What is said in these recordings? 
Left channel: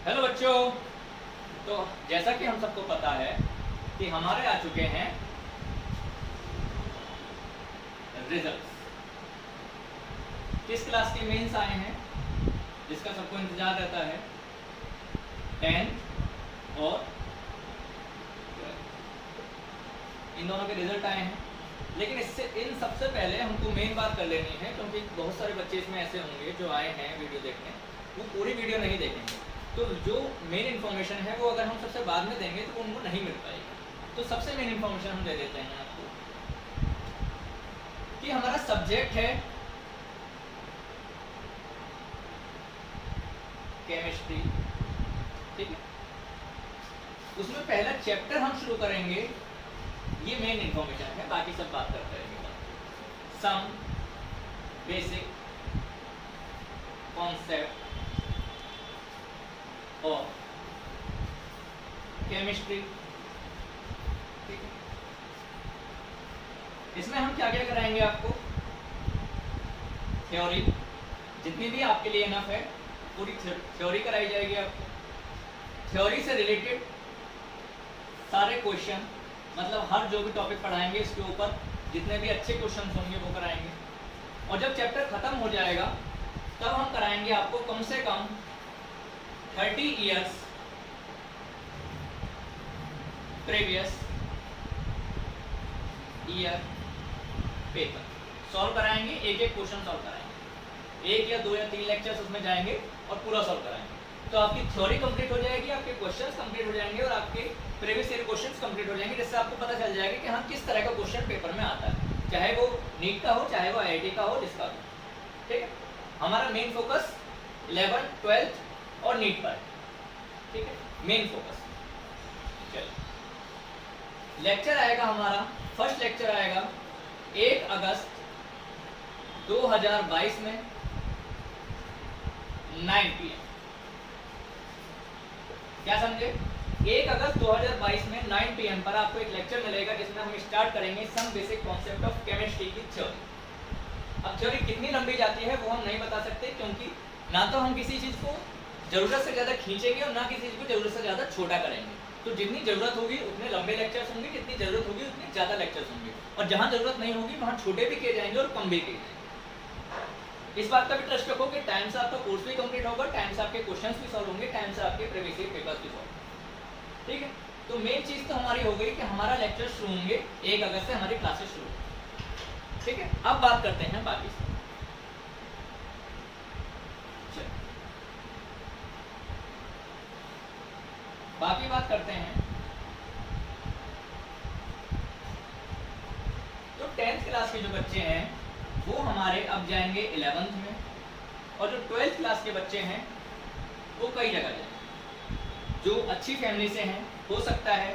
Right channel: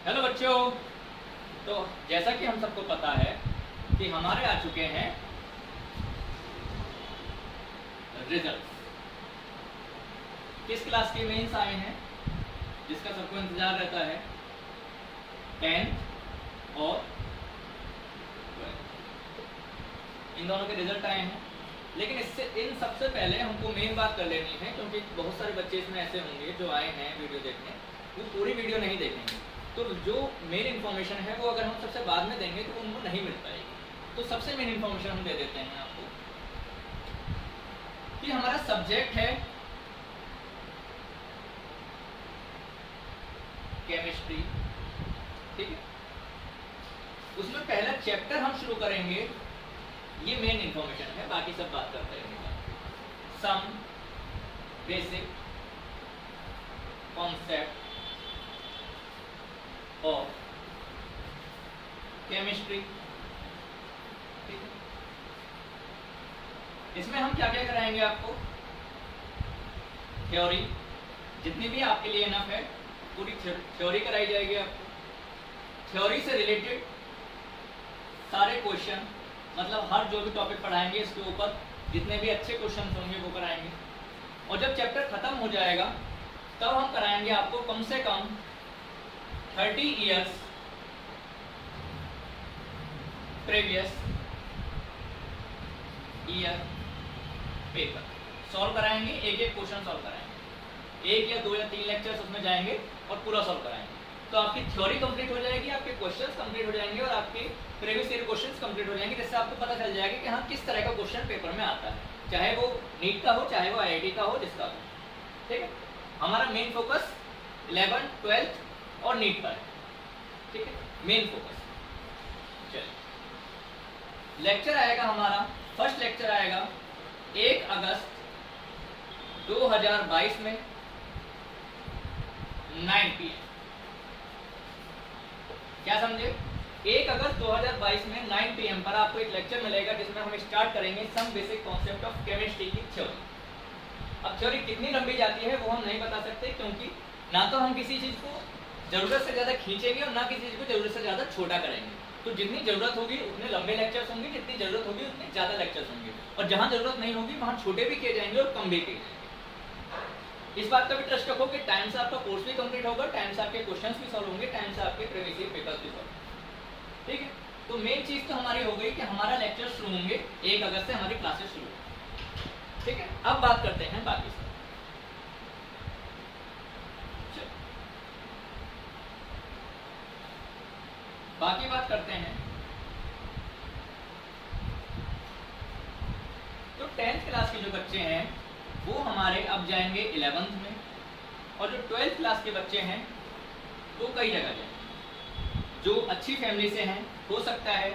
Hello बच्चों। तो जैसा कि हम सबको पता है कि हमारे आ चुके हैं रिजल्ट। किस क्लास के मेंस आए हैं जिसका सबको इंतजार रहता है? 10th और 12th, इन दोनों के रिजल्ट आए हैं। लेकिन इससे इन सबसे पहले हमको मेन बात कर लेनी है, क्योंकि बहुत सारे बच्चे इसमें ऐसे होंगे जो आए हैं वीडियो देखने, वो पूरी वीडियो नहीं देखेंगे। तो जो मेन इन्फॉर्मेशन है वो अगर हम सबसे बाद में देंगे तो उनको नहीं मिल पाएगी। तो सबसे मेन इन्फॉर्मेशन हम दे देते हैं आपको कि हमारा सब्जेक्ट है केमिस्ट्री, ठीक है। उसमें पहला चैप्टर हम शुरू करेंगे, ये मेन इन्फॉर्मेशन है, बाकी सब बात करते रहेंगे। सम बेसिक कॉन्सेप्ट और केमिस्ट्री, ठीक है। इसमें हम क्या क्या कराएंगे आपको? थ्योरी, जितनी भी आपके लिए इनफ है पूरी थ्योरी कराई जाएगी आपको। थ्योरी से रिलेटेड सारे क्वेश्चन, मतलब हर जो भी टॉपिक पढ़ाएंगे इसके ऊपर जितने भी अच्छे क्वेश्चन होंगे वो कराएंगे। और जब चैप्टर खत्म हो जाएगा तब हम कराएंगे आपको कम से कम 30 years previous year paper solve कराएंगे। एक एक क्वेश्चन सॉल्व कराएंगे, 1 या 2 या 3 लेक्चर्स उसमें जाएंगे और पूरा सॉल्व कराएंगे। तो आपकी थ्योरी कंप्लीट हो जाएगी, आपके क्वेश्चंस कंप्लीट हो जाएंगे और आपके प्रीवियस ईयर क्वेश्चंस कंप्लीट हो जाएंगे, जिससे आपको पता चल जाएगा कि हाँ किस तरह का क्वेश्चन पेपर में आता है, चाहे वो नीट का हो चाहे वो आईआईटी का हो, जिसका हो, ठीक है। हमारा मेन फोकस 11th 12th और नीट पर है, ठीक है, मेन फोकस। चलिए, लेक्चर आएगा हमारा, फर्स्ट लेक्चर आएगा 1 अगस्त 2022 में 9 PM। क्या समझे? 1 अगस्त 2022 में 9 PM पर आपको एक लेक्चर मिलेगा जिसमें हम स्टार्ट करेंगे some basic concept of chemistry की थ्योरी। अब थ्योरी कितनी लंबी जाती है वो हम नहीं बता सकते, क्योंकि ना तो हम किसी चीज को जरूरत से ज्यादा खींचेंगे और ना किसी चीज को जरूरत से ज्यादा छोटा करेंगे। तो जितनी जरूरत होगी उतने लंबे लेक्चर्स होंगे, जितनी जरूरत होगी उतने ज्यादा लेक्चर्स होंगे, और जहां जरूरत नहीं होगी वहां छोटे भी किए जाएंगे और कम भी किए जाएंगे। इस बात का भी ट्रस्ट रखो कि टाइम से आपका कोर्स भी कंप्लीट होगा, टाइम से आपके क्वेश्चंस भी सॉल्व होंगे, टाइम से आपके प्रीवियस ईयर पेपर्स भी सॉल्व होंगे, ठीक है। तो मेन चीज तो हमारी हो गई कि हमारा लेक्चर शुरू होंगे 1 अगस्त से हमारी क्लासेस शुरू होंगी, ठीक है। अब बात करते हैं बाकी सब। बाकी बात करते हैं तो 10th क्लास के जो बच्चे हैं वो हमारे अब जाएंगे 11th में, और जो 12th क्लास के बच्चे हैं वो कई जगह जाएंगे। जो अच्छी फैमिली से हैं हो सकता है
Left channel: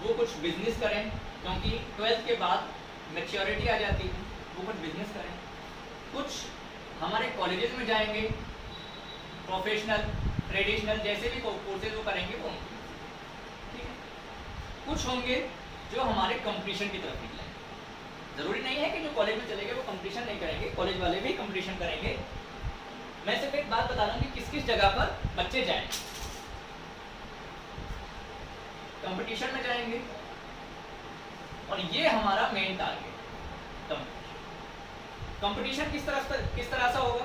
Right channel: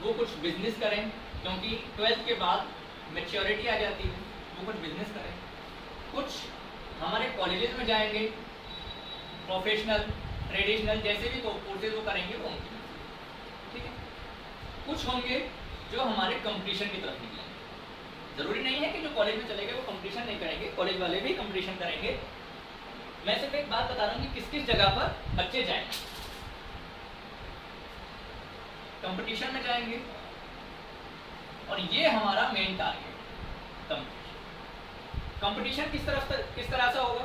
वो कुछ बिजनेस करें, क्योंकि 12th के बाद मैच्योरिटी आ जाती है, वो कुछ बिजनेस करें। कुछ हमारे कॉलेजेस में जाएंगे, प्रोफेशनल ट्रेडिशनल जैसे भी कोर्सेज वो करेंगे वो होंगे, ठीक है। कुछ होंगे जो हमारे कंपटीशन की तरफ निकलेंगे। जरूरी नहीं है कि जो कॉलेज में चले गए वो कंपटीशन नहीं करेंगे, कॉलेज वाले भी कंपटीशन करेंगे। मैं सिर्फ एक बात बता रहा हूँ कि किस किस जगह पर बच्चे जाएंगे। कंपटीशन में जाएंगे, और ये हमारा मेन टारगेट कंपटीशन किस तरह से होगा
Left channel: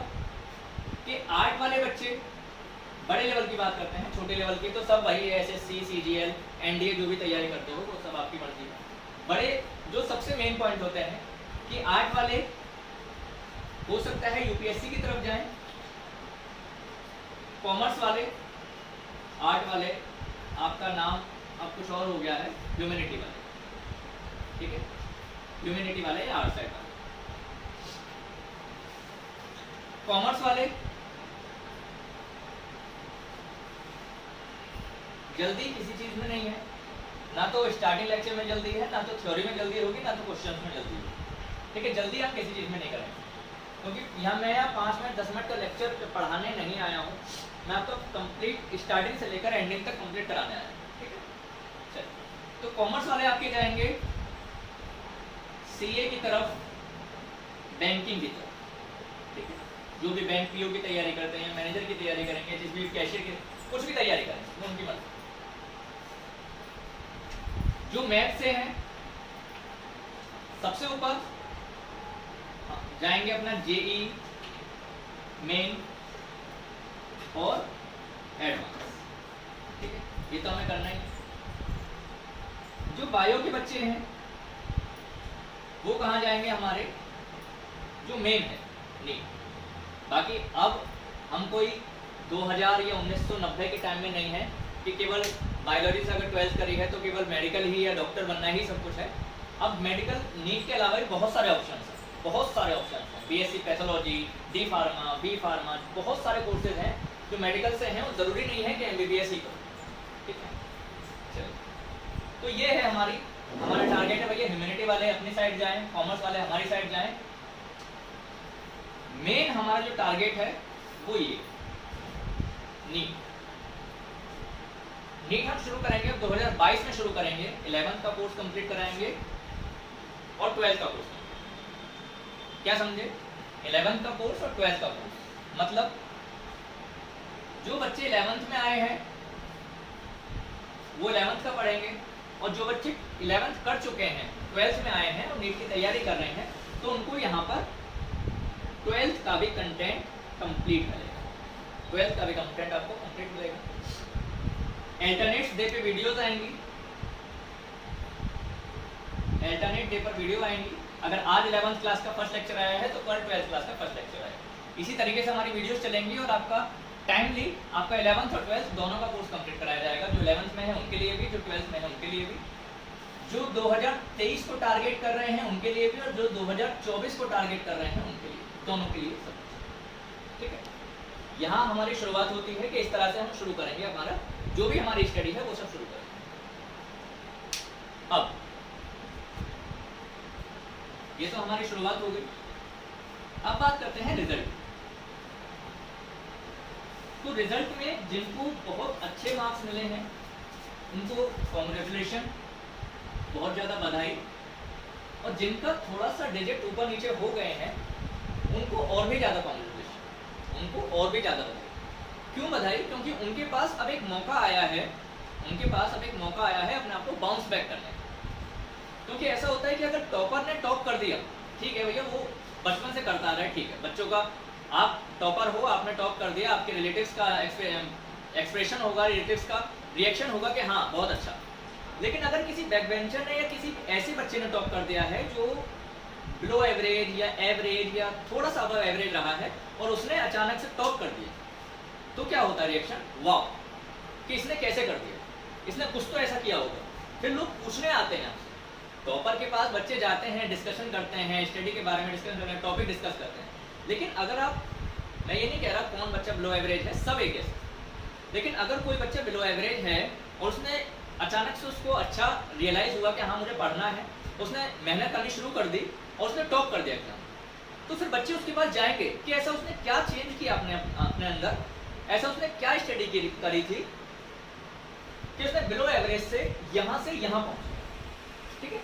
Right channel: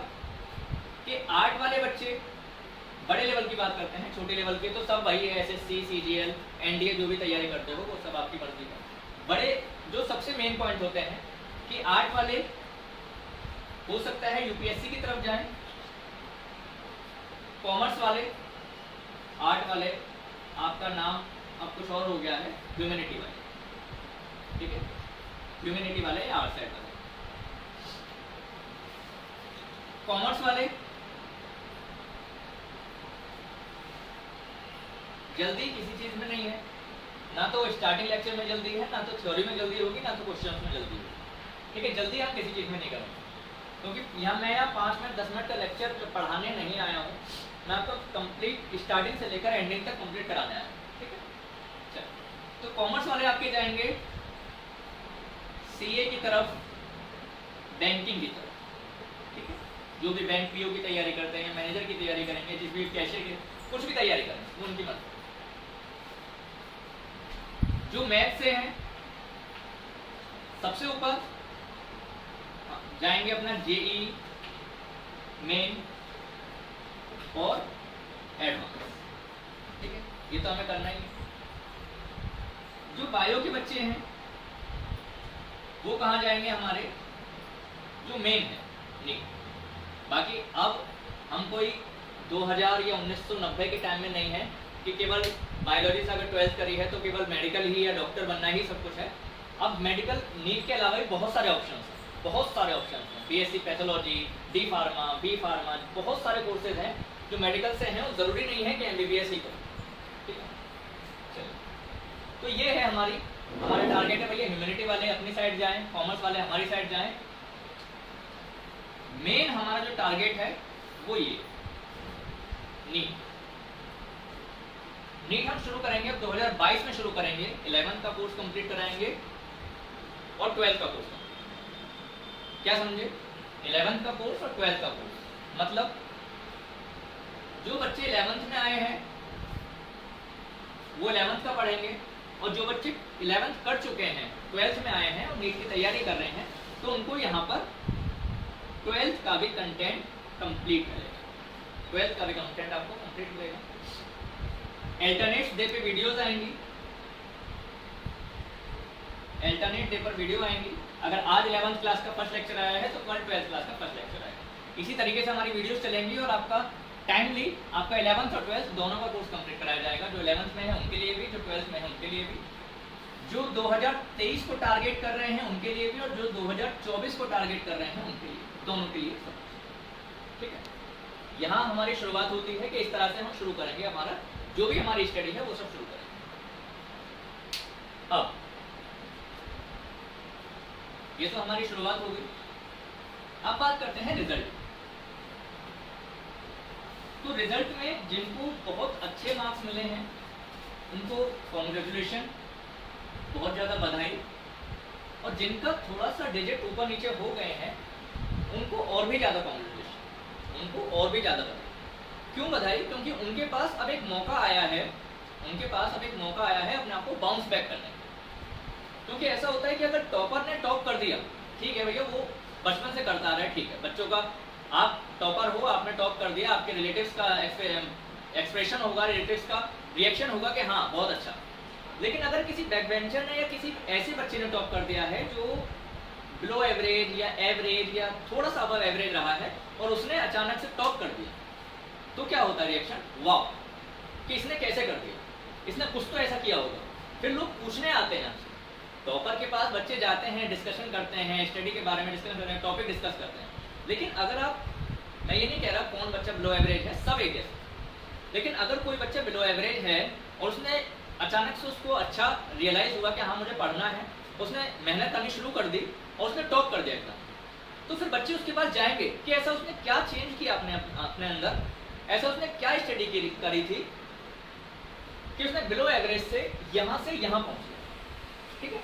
कि आर्ट वाले बच्चे बड़े लेवल की बात करते हैं, छोटे लेवल के तो सब वही एसएससी सीजीएल एनडीए जो भी तैयारी करते हो वो सब आपकी मर्जी है। बड़े जो सबसे मेन पॉइंट होते हैं कि आर्ट वाले हो सकता है यूपीएससी की तरफ जाएं, कॉमर्स वाले, आर्ट वाले आपका नाम अब कुछ और हो गया है, ह्यूमैनिटी वाले, ठीक है, ह्यूमैनिटी वाले या आर्ट साइड वाले। कॉमर्स वाले जल्दी किसी चीज में नहीं है, ना तो स्टार्टिंग लेक्चर में जल्दी है, ना तो थ्योरी में जल्दी होगी, ना तो क्वेश्चंस में जल्दी होगी, ठीक है। जल्दी हम किसी चीज में नहीं करेंगे, क्योंकि यहाँ मैं 5 मिनट 10 मिनट का लेक्चर पढ़ाने नहीं आया हूँ, मैं आपको कंप्लीट स्टार्टिंग से लेकर एंडिंग तक कंप्लीट कराने आया हूँ, ठीक है। चलिए, तो कॉमर्स वाले आपके जाएंगे सीए की तरफ, बैंकिंग की तरफ, ठीक है। जो भी बैंक पीओ की तैयारी करते हैं, मैनेजर की तैयारी करेंगे, जिस भी कैशियर की कुछ भी तैयारी करें, वो उनकी मर्जी। जो मैथ से हैं सबसे ऊपर जाएंगे अपना जेई मेन और एडवांस, ठीक है, ये तो हमें करना ही है। जो बायो के बच्चे हैं वो कहाँ जाएंगे, हमारे जो मेन है नीट। बाकी अब हम कोई 2000 या 1990 के टाइम में नहीं है कि केवल बायोलॉजी से अगर 12th करी है तो केवल मेडिकल ही या डॉक्टर बनना ही सब कुछ है। अब मेडिकल नीट के अलावा भी बहुत सारे ऑप्शंस हैं, बहुत सारे ऑप्शंस हैं। BSc pathology, D pharma, B pharma, बहुत सारे कोर्सेज हैं जो मेडिकल से हैं, और ज़रूरी नहीं है कि एमबीबीएस ही करो, ठीक है। चलिए, तो ये है हमारा टारगेट है भैया, ह्यूमैनिटी वाले अपनी साइड जाएं, कॉमर्स वाले हमारी साइड जाएं। मेन हमारा जो टारगेट है वो ये नीट हम शुरू करेंगे अब 2022 में शुरू करेंगे। 11th का कोर्स कंप्लीट कराएंगे और 12th का कोर्स, क्या समझे, 11th का कोर्स और 12th का कोर्स। मतलब जो बच्चे 11th में आए हैं वो 11th का पढ़ेंगे, और जो बच्चे 11th कर चुके हैं 12th में आए हैं और नीट की तैयारी कर रहे हैं, तो उनको यहाँ पर 12th का भी कंटेंट कंप्लीट मिलेगा। 12th का भी कंटेंट आपको कंप्लीट मिलेगा। अल्टरनेट डे पे वीडियोस आएंगी, अल्टरनेट डे पर वीडियो आएंगी। अगर आज 11th क्लास का फर्स्ट लेक्चर आया है तो कल 12th क्लास का फर्स्ट लेक्चर आएगा। इसी तरीके से हमारी वीडियोस चलेंगी और आपका टाइमली आपका 11th और 12th दोनों का कोर्स कंप्लीट कराया जाएगा। जो 11th में है उनके लिए भी, जो 12th में है उनके लिए भी, जो 2023 को टारगेट कर रहे हैं उनके लिए भी, और जो 2024 को टारगेट कर रहे हैं उनके लिए, दोनों के लिए सब, ठीक है। यहाँ हमारी शुरुआत होती है कि इस तरह से हम शुरू करेंगे, हमारा जो भी हमारी स्टडी है वो सब शुरू करेंगे। अब ये तो हमारी शुरुआत हो गई। अब बात करते हैं रिजल्ट। तो रिजल्ट में जिनको बहुत अच्छे मार्क्स मिले हैं उनको कॉन्ग्रेचुलेशन, बहुत ज़्यादा बधाई, और जिनका थोड़ा सा डिजिट ऊपर नीचे हो गए हैं उनको और भी ज़्यादा कॉन्ग्रेचुलेशन, उनको और भी ज़्यादा बधाई। क्यों बधाई? क्योंकि उनके पास अब एक मौका आया है, उनके पास अब एक मौका आया है अपने आप को बाउंस बैक करने का। क्योंकि ऐसा होता है कि अगर टॉपर ने टॉप कर दिया, ठीक है भैया, वो बचपन से करता आ रहा है, ठीक है, बच्चों का, आप टॉपर हो, आपने टॉप कर दिया, आपके रिलेटिव्स का एक्सप्रेशन होगा, रिलेटिव्स का रिएक्शन होगा कि हाँ बहुत अच्छा। लेकिन अगर किसी बैक बेंचर ने या किसी ऐसे बच्चे ने टॉप कर दिया है जो बिलो एवरेज या थोड़ा सा अबव एवरेज रहा है और उसने अचानक से टॉप कर दिया, तो क्या होता है रिएक्शन, वाह कि इसने कैसे कर दिया, इसने कुछ तो ऐसा किया होगा। फिर लोग पूछने आते हैं आपसे, टॉपर के पास बच्चे जाते हैं, डिस्कशन करते हैं, स्टडी के बारे में डिस्कशन करते हैं, टॉपिक डिस्कस करते हैं। लेकिन अगर आप, मैं ये नहीं कह रहा कौन बच्चा बिलो एवरेज है, सब एक जैसे, लेकिन अगर कोई बच्चा बिलो एवरेज है और उसने अचानक से उसको अच्छा रियलाइज हुआ कि हाँ मुझे पढ़ना है, उसने मेहनत करनी शुरू कर दी और उसने टॉप कर दिया एग्जाम, तो फिर बच्चे उसके पास जाएंगे कि ऐसा उसने क्या चेंज किया अपने अंदर, ऐसा उसने क्या स्टडी करी थी कि उसने बिलो एवरेज से यहाँ पहुँच गया, ठीक है।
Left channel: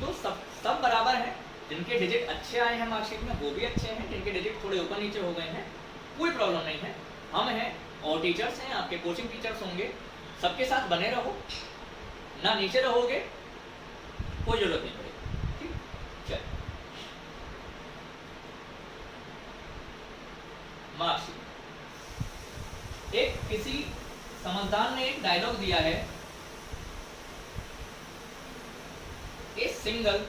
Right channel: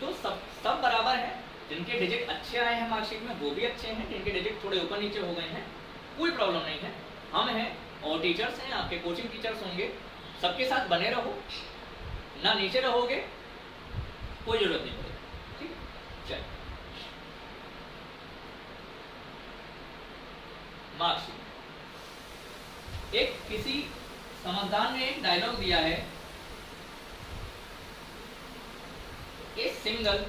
तो सब बराबर है, जिनके डिजिट अच्छे आए हैं मार्कशीट में वो भी अच्छे हैं, जिनके डिजिट थोड़े ऊपर नीचे हो गए हैं कोई प्रॉब्लम नहीं है। हम हैं और टीचर्स हैं, आपके कोचिंग टीचर्स होंगे, सबके साथ बने रहो, ना नीचे रहोगे कोई जरूरत नहीं पड़ेगी, ठीक है। चल मार्कशीट, एक किसी समझदार ने एक डायलॉग दिया है, a single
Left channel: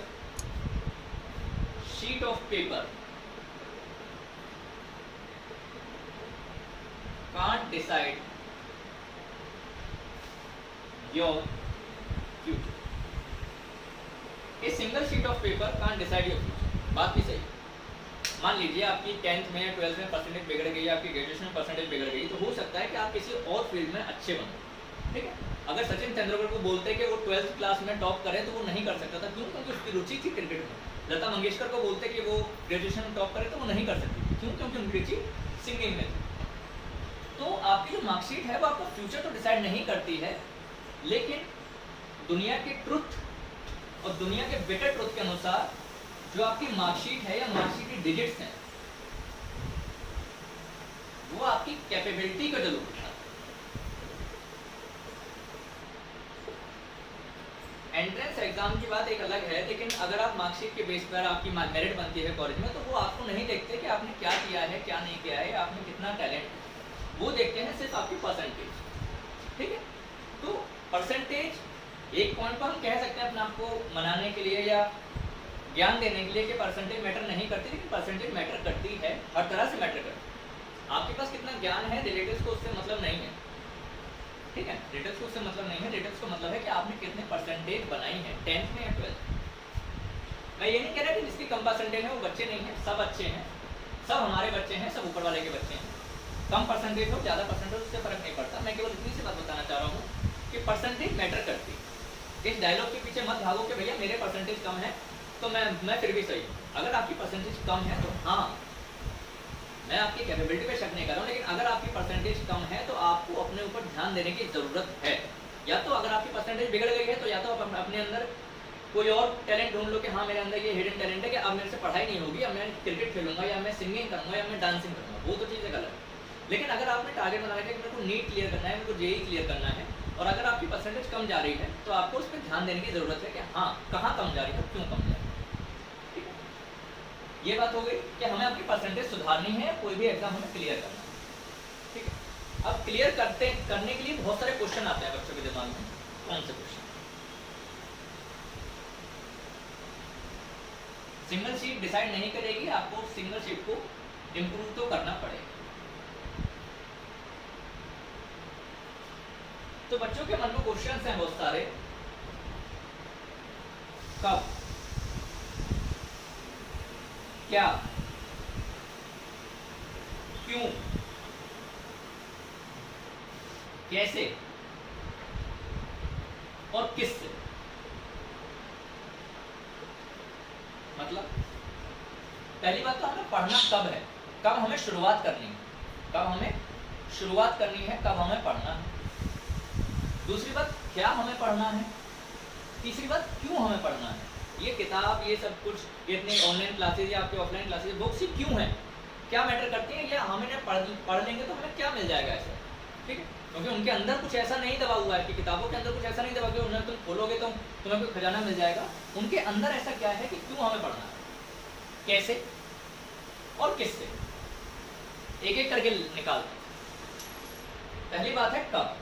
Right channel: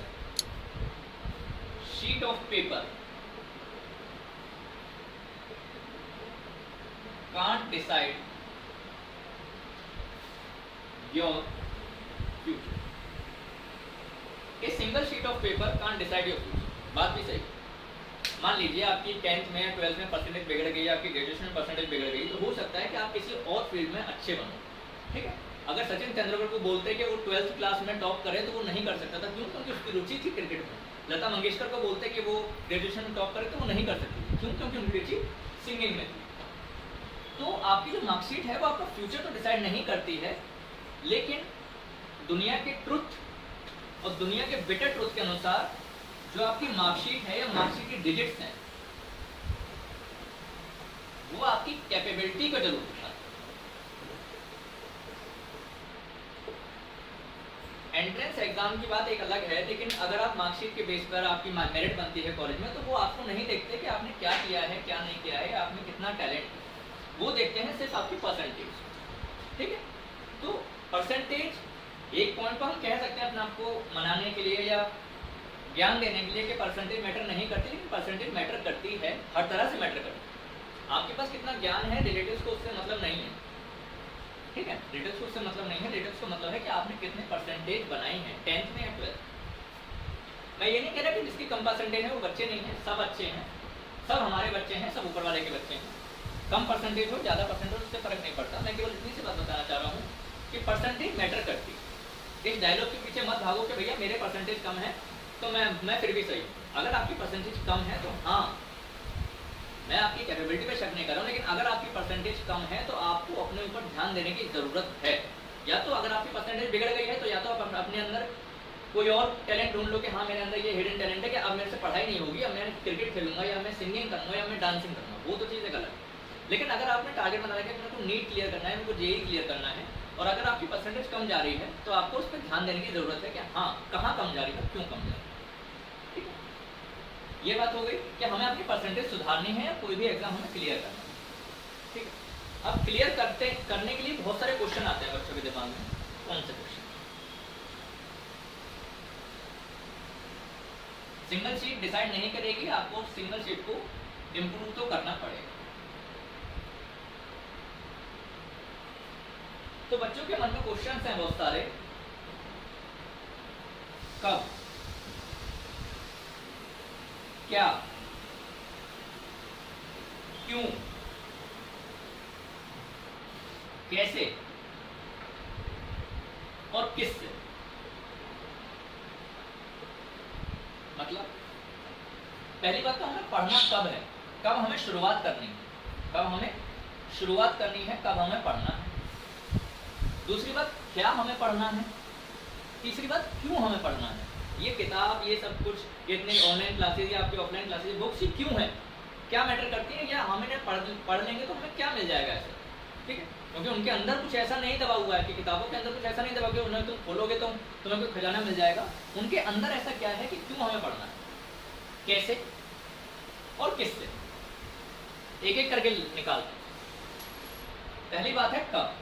sheet of paper can't decide your future. A single sheet of paper can't decide your future. बात भी सही। मान लीजिए आपकी 10th में या 12th में परसेंटेज बिगड़ गई, आपकी ग्रेजुएशन में परसेंटेज बिगड़ गई, तो हो सकता है कि आप किसी और फील्ड में अच्छे बनो, ठीक है। अगर सचिन तेंदुलकर को बोलते कि वो 12th क्लास में टॉप करे तो वो नहीं कर सकता था, क्यों? क्योंकि उसकी रुचि थी क्रिकेट में। लता मंगेशकर को बोलते कि वो ग्रेजुएशन में टॉप करे तो वो नहीं कर सकती थी, क्यों? क्योंकि उनकी रुचि सिंगिंग में थी। तो आपकी जो मार्कशीट है वो आपका फ्यूचर तो डिसाइड नहीं करती है, लेकिन दुनिया के ट्रुथ और दुनिया के बेटर ट्रुथ के अनुसार जो आपकी मार्कशीट है या मार्कशीट की डिजिट्स हैं वो आपकी कैपेबिलिटी का जरूर दिखाता है। एंट्रेंस एग्जाम की बात एक अलग है, लेकिन अगर आप मार्कशीट के बेस पर आपकी मेरिट बनती है कॉलेज में, तो वो आपको नहीं देखते कि आपने क्या किया है क्या नहीं किया है, आप में कितना टैलेंट है, वो देखते हैं सिर्फ आपकी परसेंटेज। ठीक है, तो परसेंटेज एक पॉइंट पर हम कह सकते हैं अपने आप को मनाने के लिए या ज्ञान देने के लिए कि परसेंटेज मैटर नहीं करती, लेकिन परसेंटेज मैटर करती है, हर तरह से मैटर करती है। आपके पास कितना ज्ञान है रिलेटिव्स को उससे मतलब नहीं है। ठीक है, रिलेटिव्स को उससे मतलब नहीं है, रिलेटिव्स को मतलब है कि आपने कितने परसेंटेज बनाई है 10th में या 12th। मैं ये नहीं कह रहा कि जिसकी कम परसेंटेज है वो बच्चे नहीं है, सब अच्छे हैं, सब हमारे बच्चे हैं, सब ऊपर वाले के बच्चे हैं। कम परसेंटेज हो ज़्यादा परसेंटेज उससे फर्क नहीं पड़ता। मैं केवल इतनी सी बात बताना चाह रहा हूँ कि परसेंटेज मैटर करती है। इस डायलॉग के पीछे मत भागो कि भैया मेरे परसेंटेज कम है तो मैं फिर भी सही हूँ। अगर आपकी परसेंटेज कम है तो हाँ, मैं आपकी कैपेबिलिटी पे शक नहीं कर रहा हूँ, लेकिन अगर आपकी परसेंटेज कम है तो आपको अपने ऊपर ध्यान देने की ज़रूरत है। या तो अगर आपकी परसेंटेज बिगड़ गई है तो या तो आप अपने अंदर कोई और टैलेंट ढूंढ लो कि हाँ मेरे अंदर ये हिडन टैलेंट है कि अब मेरे से पढ़ाई नहीं होगी, अब मैं क्रिकेट खेलूंगा या मैं सिंगिंग करूँगा या मैं डांसिंग करूँगा, वो तो चीज़ गलत है। लेकिन अगर आपने टारगेट बना रखा है कि मेरे को नीट क्लियर करना है, मेरे को जेई क्लियर करना है, और अगर आपकी परसेंटेज कम जा रही है तो आपको उस पर ध्यान देने की ज़रूरत है कि हाँ कहाँ कम जा रही है, क्यों कम जा रही है। ठीक है, ये बात हो गई कि हमें अपनी परसेंटेज सुधारनी है या कोई भी एग्जाम हमें क्लियर करना है। ठीक है, अब क्लियर करने के लिए बहुत सारे क्वेश्चन आते हैं बच्चों के दिमाग में। कौन से क्वेश्चन? सिंगल शीट डिसाइड नहीं करेगी, आपको सिंगल शीट को इम्प्रूव तो करना पड़ेगा। तो बच्चों के मन में क्वेश्चन हैं बहुत सारे। कब, क्या, क्यों, कैसे और किससे। मतलब पहली बात तो हमें पढ़ना कब है, कब हमें शुरुआत करनी है, कब हमें शुरुआत करनी है, कब हमें पढ़ना है। दूसरी बात क्या हमें पढ़ना है। तीसरी बात क्यों हमें पढ़ना है। ये किताब, ये सब कुछ, इतने ऑनलाइन क्लासेज या आपके ऑफलाइन क्लासेज, बुक्स ही क्यों है, क्या मैटर करती है, क्या हमें पढ़ लेंगे तो हमें क्या मिल जाएगा ऐसा। ठीक है, क्योंकि उनके अंदर कुछ ऐसा नहीं दबा हुआ है कि किताबों के अंदर कुछ ऐसा नहीं दबा कि उन्हें तुम खोलोगे तो तुम्हें कोई खजाना मिल जाएगा। उनके अंदर ऐसा क्या है कि क्यों हमें पढ़ना है, कैसे और किससे, एक एक करके निकालते हैं। पहली बात है कब।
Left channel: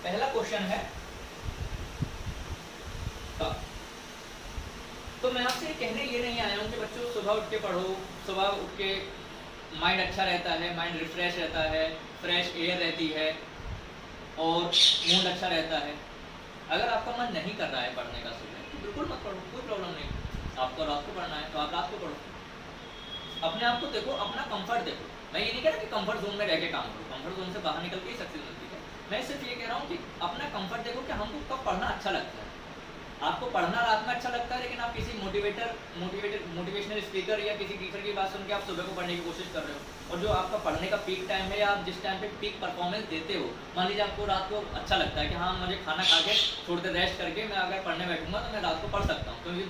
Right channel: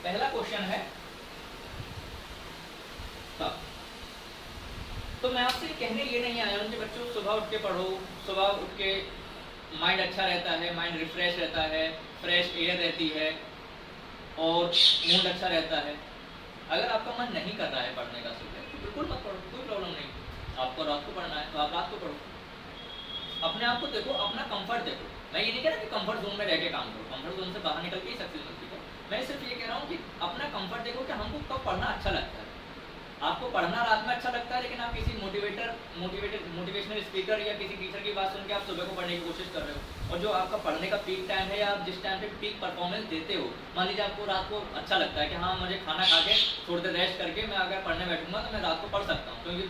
पहला क्वेश्चन है कब। तो मैं आपसे कहने ये नहीं आया हूं कि बच्चों सुबह उठ के पढ़ो, सुबह उठ के माइंड अच्छा रहता है, माइंड रिफ्रेश रहता है, फ्रेश एयर रहती है और मूड अच्छा रहता है। अगर आपका मन नहीं कर रहा है पढ़ने का सुबह तो बिल्कुल मत पढ़ो, कोई प्रॉब्लम नहीं। आपको रात को पढ़ना है तो आप रात को पढ़ो। अपने आप को देखो, अपना कंफर्ट देखो। मैं ये नहीं कह रहा कि कंफर्ट जोन में रह के काम करो, कंफर्ट जोन से बाहर निकल के ही सक्सेस मिलती है। मैं सिर्फ ये कह रहा हूँ कि अपना कंफर्ट देखो कि हमको कब पढ़ना अच्छा लगता है। आपको पढ़ना रात में अच्छा लगता है, लेकिन आप किसी मोटिवेशनल स्पीकर या किसी टीचर की बात सुन के आप सुबह को पढ़ने की कोशिश कर रहे हो, और जो आपका पढ़ने का पीक टाइम है या आप जिस टाइम पे पीक परफॉर्मेंस देते हो, मान लीजिए आपको रात को अच्छा लगता है कि हाँ मुझे खाना खा के थोड़ी देर रेस्ट करके मैं अगर पढ़ने बैठूंगा तो मैं रात को पढ़ सकता हूँ। क्योंकि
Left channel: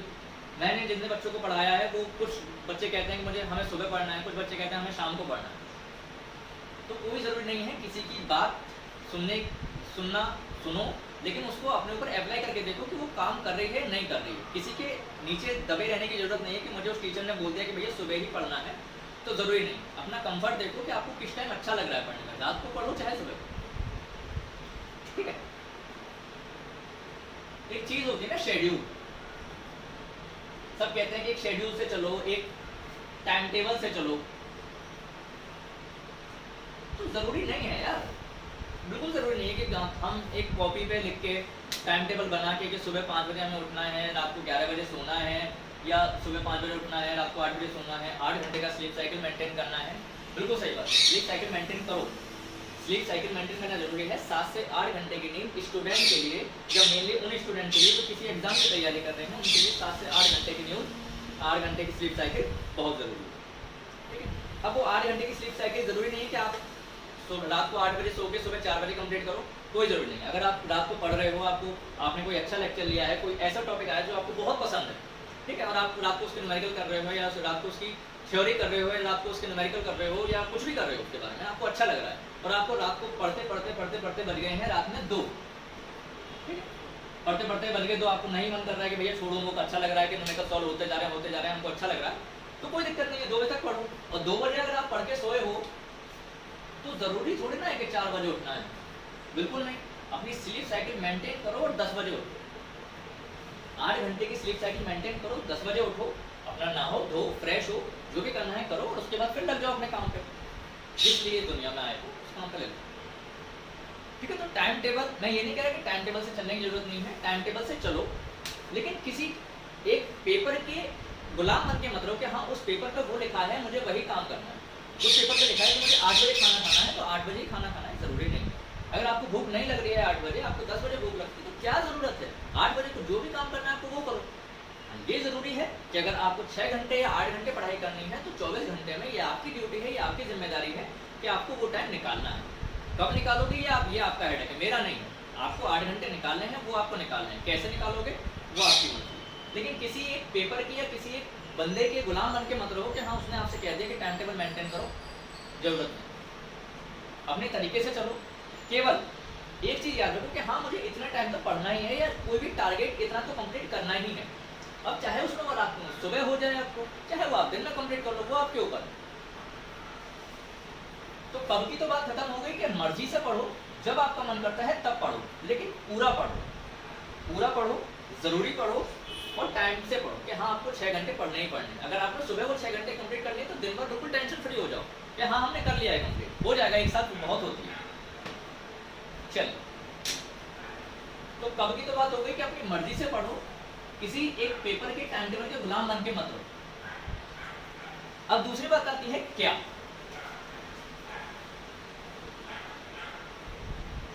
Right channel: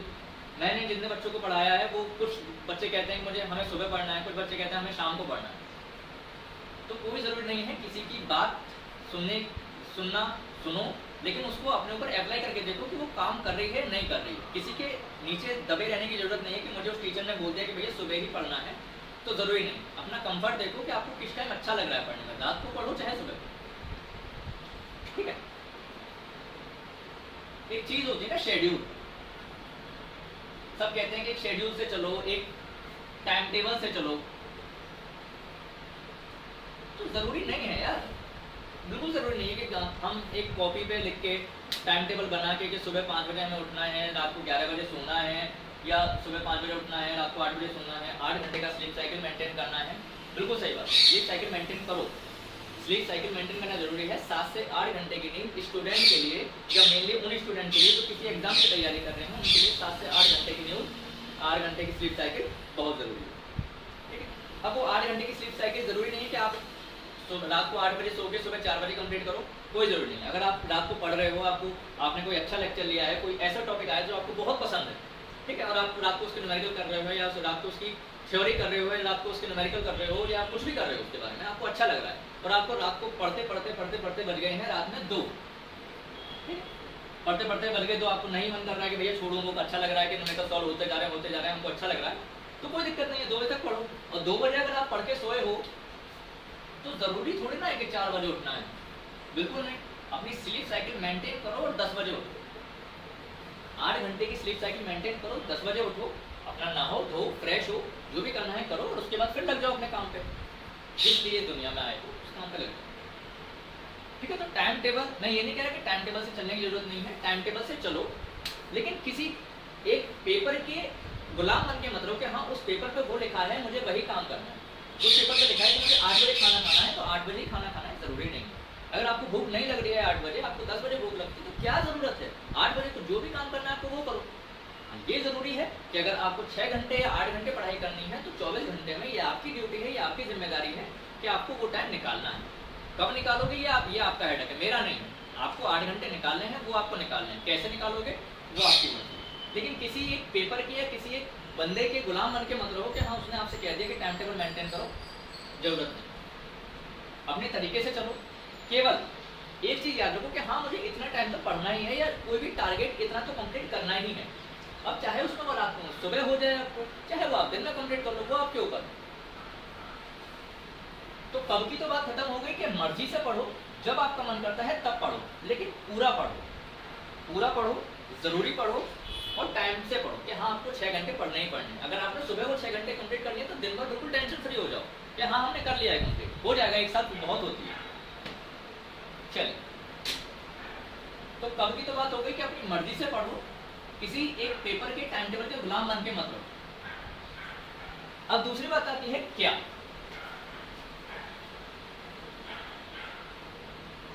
मैंने जितने बच्चों को पढ़ाया है वो कुछ बच्चे कहते हैं कि हमें सुबह पढ़ना है, कुछ बच्चे कहते हैं हमें शाम को पढ़ना है। तो कोई ज़रूरी नहीं है किसी की बात सुनो, लेकिन उसको अपने ऊपर अप्लाई करके देखो कि वो काम कर रही है नहीं कर रही है। किसी के नीचे दबे रहने की जरूरत नहीं है कि मुझे उस टीचर ने बोल दिया कि भैया सुबह ही पढ़ना है, तो ज़रूरी नहीं। अपना कंफर्ट देखो कि आपको किस टाइम अच्छा लग रहा है पढ़ने में, रात को पढ़ो चाहे सुबह को। ठीक है, एक चीज़ होती है ना शेड्यूल। सब कहते हैं कि एक शेड्यूल से चलो, एक टाइम टेबल से चलो, तो ज़रूरी नहीं है यार, बिल्कुल ज़रूरी नहीं है कि हम एक कॉपी पे लिख के टाइम टेबल बना के कि सुबह 5 बजे हमें उठना है, रात को 11 बजे सोना है, या सुबह 5 बजे उठना है, रात को 8 बजे सोना है, 8 घंटे का स्लीप साइकिल मेंटेन करना है। बिल्कुल सही बात है, स्लीप साइकिल मेंटेन करो। स्लीप साइकिल मेंटेन करना जरूरी है। 7 से 8 घंटे की नींद स्टूडेंट के लिए, या मेनली उन स्टूडेंट के लिए जो किसी एग्जाम की तैयारी कर रहे हैं, उनके लिए 7 से 8 घंटे की नींद, 8 घंटे की स्लीप साइकिल बहुत ज़रूरी है। ठीक है, अब वो 8 घंटे की स्लीप साइकिल ज़रूरी नहीं है कि आप रात को 8 बजे सो के सुबह 4 बजे कंप्लीट करो, कोई ज़रूरी नहीं। अगर आप रात को पढ़ रहे हो, आपने कोई अच्छा लेक्चर लिया है, कोई ऐसा टॉपिक आया जो आपको बहुत पसंद है, ठीक है, और आप रात को उसके न्यूमेरिकल कर रहे हो या रात को उसकी थ्योरी कर रहे हो या रात को उसके न्यूमेरिकल कर रहे हो या कुछ भी कर रहे हो उसके बारे में, आपको अच्छा लग रहा है और आपको रात को पढ़ते पढ़ते बज गए हैं रात में 2, पढ़ते बज गए 2, आपको नहीं मन कर रहा है कि भैया छोड़ो बुक, अच्छा लग रहा है कि न्यूमेरिकल सॉल्व होते जा रहे हैं, हमको अच्छा लग रहा है, तो कोई दिक्कत नहीं है, 2 बजे तक पढ़ो। और 2 बजे अगर आप पढ़ के सोए हो तो जरूरी थोड़ी ना है कि 4 बजे उठना है, बिल्कुल नहीं। अपनी स्लीप साइकिल मेंटेन करो और 10 बजे उठो, 8 घंटे की स्लीप साइकिल मेंटेन करो, 10 बजे उठो, अपना नहाओ धो फ्रेश हो, जो भी करना है करो और उसके बाद फिर लग जाओ अपने काम पे, जिस लिए दुनिया में आए हो उस काम पे लग जाओ, ठीक है। तो टाइम टेबल, मैं ये नहीं कह रहा कि टाइम टेबल से चलने की जरूरत नहीं है, टाइम टेबल से चलो, लेकिन किसी एक पेपर के गुलाम बन के मत रहो कि हाँ उस पेपर पे वो लिखा है मुझे वही काम करना है, उस पेपर पे लिखा है कि मुझे 8 बजे खाना खाना है तो 8 बजे ही खाना खाना है, जरूरी नहीं है। अगर आपको भूख नहीं लग रही है 8 बजे, आपको 10 बजे भूख लगती है तो क्या जरूरत है, 8 बजे को जो भी काम करना है आपको वो करो। ये जरूरी है कि अगर आपको 6 घंटे या 8 घंटे पढ़ाई करनी है तो 24 घंटे में ये आपकी ड्यूटी है, ये आपकी जिम्मेदारी है कि आपको वो टाइम निकालना है। कब निकालोगे ये आपका हेडेक है, मेरा नहीं है। आपको 8 घंटे निकालने हैं, वो आपको निकालने हैं, कैसे निकालोगे वो आपकी मर्जी। लेकिन किसी एक पेपर की या किसी एक बंदे के गुलाम बन के मत रहो कि हाँ उसने आपसे कह दिया कि टाइम टेबल मेंटेन करो, जरूरत नहीं। अपने तरीके से चलो, केवल एक चीज याद रखो कि हाँ मुझे इतना टाइम तो पढ़ना ही है या कोई भी टारगेट इतना तो कंप्लीट करना ही है। अब चाहे उसमें वो रात को सुबह हो जाए आपको, चाहे वो आप दिन में कंप्लीट कर लो, वो आपके ऊपर। तो कब की तो बात खत्म हो गई कि मर्जी से पढ़ो, जब आपका मन करता है तब पढ़ो, लेकिन पूरा पढ़ो, जरूरी पढ़ो और टाइम से पढ़ो कि हाँ आपको 6 घंटे पढ़ने ही पढ़ने। अगर आपने सुबह वो 6 घंटे कंप्लीट कर लिए तो दिन भर बिल्कुल टेंशन फ्री हो जाओ कि हाँ हमने कर लिया है कंप्लीट, हो जाएगा, एक साथ बहुत होती है। चलिए, तो कब की तो बात हो गई कि अपनी मर्जी से पढ़ो, किसी एक पेपर के टाइम टेबल के गुलाम बन के मत रहो। अब दूसरी बात आती है क्या।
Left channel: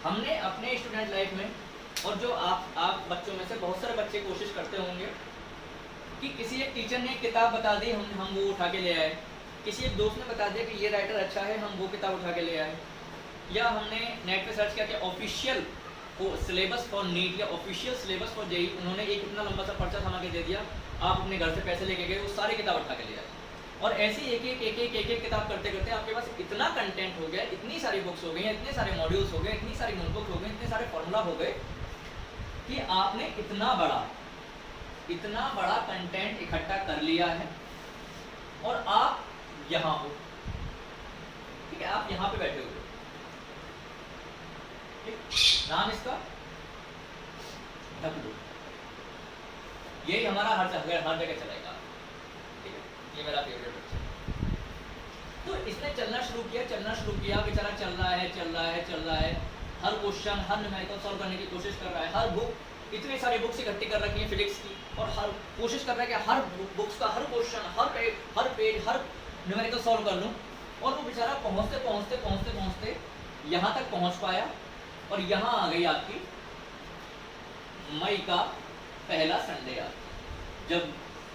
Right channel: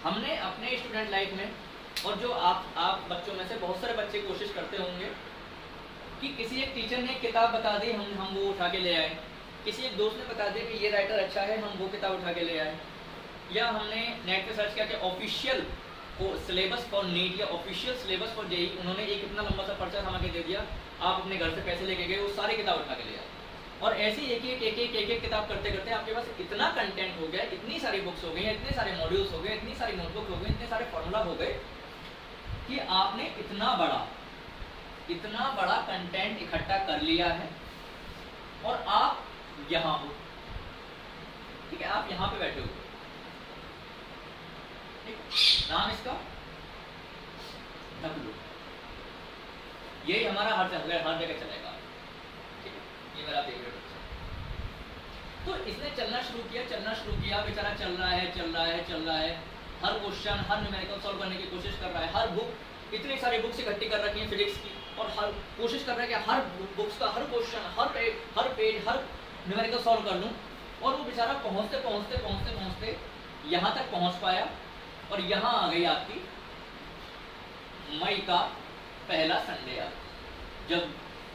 हमने अपने स्टूडेंट लाइफ में, और जो आप बच्चों में से बहुत सारे बच्चे कोशिश करते होंगे कि किसी एक टीचर ने एक किताब बता दी, हम वो उठा के ले आए, किसी एक दोस्त ने बता दिया कि ये राइटर अच्छा है, हम वो किताब उठा के ले आए, या हमने नेट पे सर्च किया कि ऑफिशियल सिलेबस फॉर नीट या ऑफिशियल सिलेबस फॉर जेई, उन्होंने एक इतना लंबा सा पर्चा थमा के दे दिया, आप अपने घर से पैसे लेके गए, वो सारी किताब उठा के ले आए, और ऐसे एक एक किताब करते करते आपके पास इतना कंटेंट हो गया, इतनी सारी बुक्स हो गई, इतने सारे मॉड्यूल्स हो गए, इतनी सारी नोटबुक हो गई, इतने सारे फॉर्मूला हो गए कि आपने इतना बड़ा कंटेंट इकट्ठा कर लिया है और आप यहाँ हो, ठीक है, आप यहाँ पे बैठे हो, नाम इसका ढकलू, यही हमारा हर जगह चलेगा, ठीक है, ये मेरा फेवरेट बच्चा। तो इसने चलना शुरू किया, बेचारा चल रहा है, हर क्वेश्चन, हर न्यूमेरिकल सॉल्व करने की कोशिश कर रहा है, हर बुक, इतनी सारी बुक्स इकट्ठी कर रखी है फिजिक्स की, और हर कोशिश कर रहा है कि हर बुक्स का हर क्वेश्चन, हर पेज, हर न्यूमेरिकल सॉल्व कर लूँ, और वो बेचारा पहुँचते यहाँ तक पहुँच पाया, और यहाँ आ गई आपकी मई का पहला संडे आ, जब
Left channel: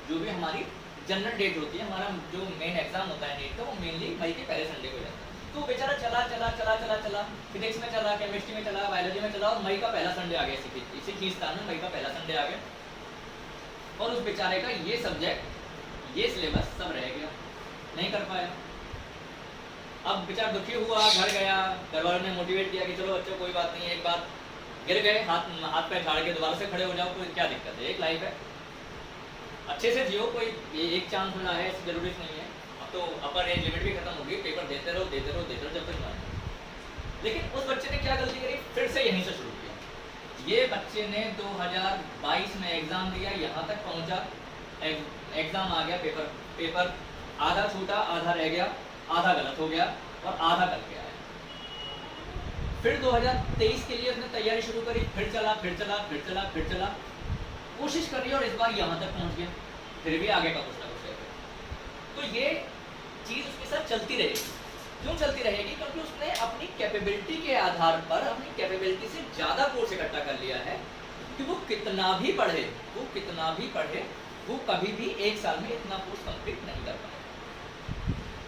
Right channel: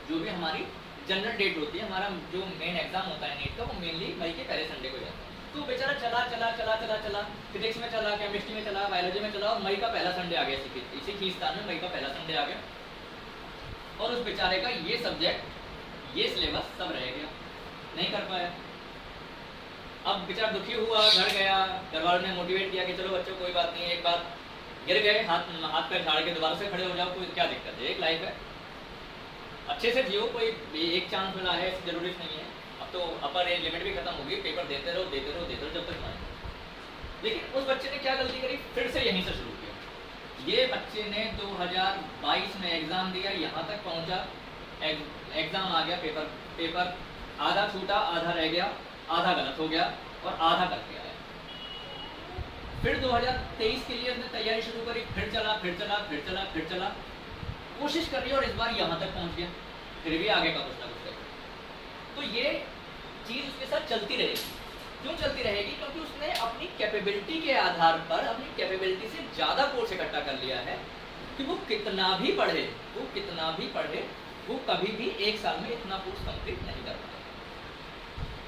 जो भी हमारी जनरल डेट होती है, हमारा जो मेन एग्जाम होता है नीट का, वो मेनली मई के पहले संडे को जाता है। तो बेचारा चला, फिजिक्स में चला, केमिस्ट्री में चला, बायोलॉजी में चला, और मई का पहला संडे आ गया, इसी खींचतान में मई का पहला संडे आ गया, और उस बेचारे का ये सब्जेक्ट, ये सिलेबस सब रह गया, नहीं कर पाया। अब बेचारा दुखी हुआ, घर गया, घर वालों ने मोटिवेट किया कि चलो बच्चों कोई बात नहीं, एक बार गिर गए, हाथ पैर झाड़ के दोबारा से खड़े हो जाओ, कोई क्या दिक्कत है, एक लाइफ है, अच्छे से जियो, कोई एक चांस मिला है, इसकी जरूरत नहीं है, अब तो अपर एज लिमिट भी खत्म होगी, पेपर देते रहो जब तक माने। लेकिन उस बच्चे ने क्या गलती करी, फिर से यहीं से शुरू किया। ये बच्चे ने 2022 में एग्जाम दिया, यहाँ तक पहुँचा, एग्जाम आ गया, पेपर आधा छूटा, आधा रह गया, आधा गलत हो गया, और आधा कर गया है। फिर 2023 के लिए उसने तैयारी शुरू करी, फिर चला, कोशिश कर रही है, और इस बार यहाँ तक पहुँच गया, फिर भी आगे का कुछ ना कुछ है। तो ये चीज़ उसके साथ चलती रहेगी। क्यों चलती रहेगी? क्योंकि उसने अपनी कैपेबिलिटी के आधार पर, अपनी कैपेबिलिटी से ज़्यादा कोर्स इकट्ठा कर लिया है कि वो कितना भी पढ़े, वो कभी भी एक साल में इतना कोर्स कंप्लीट नहीं कर पाए।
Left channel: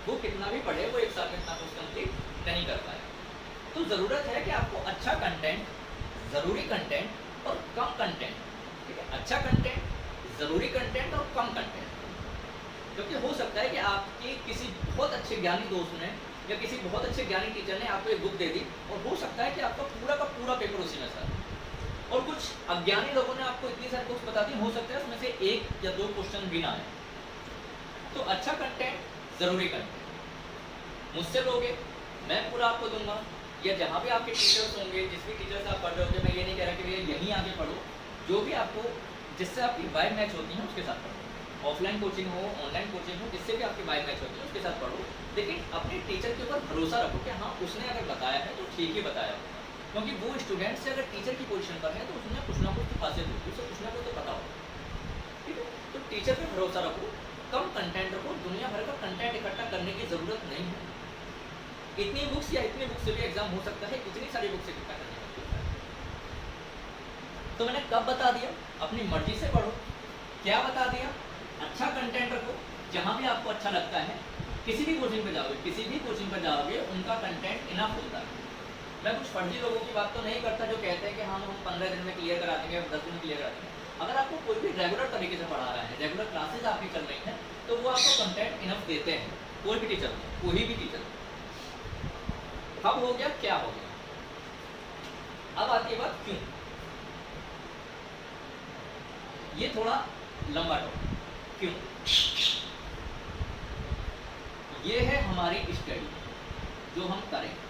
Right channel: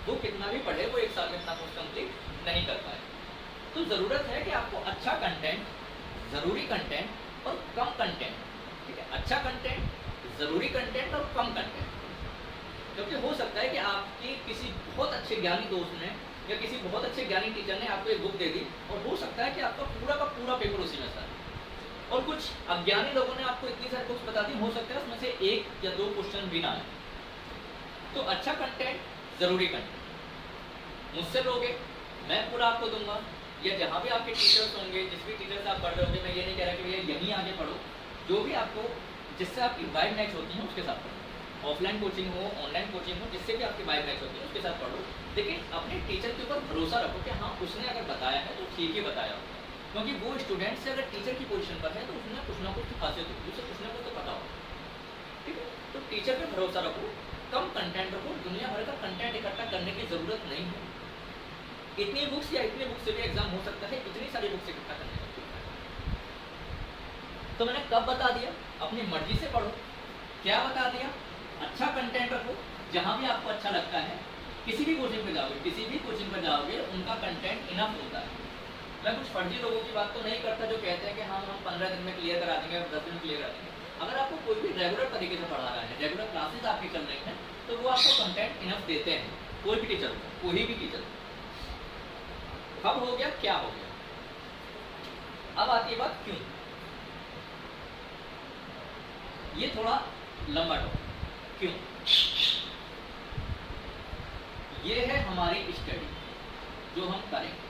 वो कितना भी पढ़े, वो एक साल में इतना कोर्स कंप्लीट नहीं कर पाए। तो ज़रूरत है कि आपको अच्छा कंटेंट, ज़रूरी कंटेंट और कम कंटेंट, ठीक है, अच्छा कंटेंट, ज़रूरी कंटेंट और कम कंटेंट, क्योंकि हो सकता है कि आपके किसी बहुत अच्छे ज्ञानी दोस्त ने या किसी बहुत अच्छे ज्ञानी टीचर ने आपको एक बुक दे दी और हो सकता है कि आपका पूरा का पूरा पेपर उसी में था, और कुछ अज्ञानी लोगों ने आपको इतनी सारी बुक्स बता दी, हो सकता है उसमें से 1 या 2 क्वेश्चन भी ना आए। तो अच्छा कंटेंट, जरूरी कंटेंट मुझसे लोगे, मैं पूरा आपको दूंगा, या जहाँ भी आपके टीचर्स होंगे, जिस भी टीचर से आप पढ़ रहे होंगे, मैं ये नहीं कह रहा कि भैया यहीं आगे पढ़ो, जो भी आपको जिससे आपकी वाइब मैच होती है उसके साथ पढ़ो। ऑफलाइन कोचिंग हो, ऑनलाइन कोचिंग हो, जिससे भी आपकी वाइब मैच होती है उसके साथ पढ़ो, लेकिन अपने टीचर के ऊपर भरोसा रखो कि हाँ उसने अगर बताया है तो ठीक ही बताया होगा, क्योंकि वो स्टूडेंट से अगर टीचर की पोजीशन पर है तो उसने कुछ ना कुछ तो खासियत होगी, उसे कुछ ना कुछ तो पता होगा। ठीक है, तो टीचर पर भरोसा रखो, कम कंटेंट रखो, दुनिया भर का कंटेंट इकट्ठा करने की जरूरत नहीं है। इतनी बुक्स या इतनी बुक्स से भी एग्जाम हो सकता है, इतनी सारी बुक्स इकट्ठा करने की। तो मैंने कब बता दिया, अपनी मर्जी से पढ़ो। क्या बता दिया, अच्छा कंटेंट रखो, जहाँ भी आपको अच्छा लगता है। किसी भी कोचिंग पे जाओगे, किसी भी कोचिंग पर जाओगे, उनका कंटेंट इनफ होता है। मैं कुछ फर्जी लोगों की बात तो नहीं करता जो कहते हैं कि हम 15 दिन में क्लियर करा देंगे, 10 दिन में क्लियर करा देंगे। अगर आपको कोई भी रेगुलर तरीके से पढ़ा रहा है, रेगुलर क्लासेज आपकी चल रही हैं, तो वो आपको कंटेंट इनफ देते हैं, कोई भी टीचर हो, कोई भी टीचर हो। कब हो गया, क्या हो गया, अब आती है बात क्यों। ये थोड़ा लंबा टॉपिक, क्यों। ये है हमारी स्टडी जो हम करेंगे।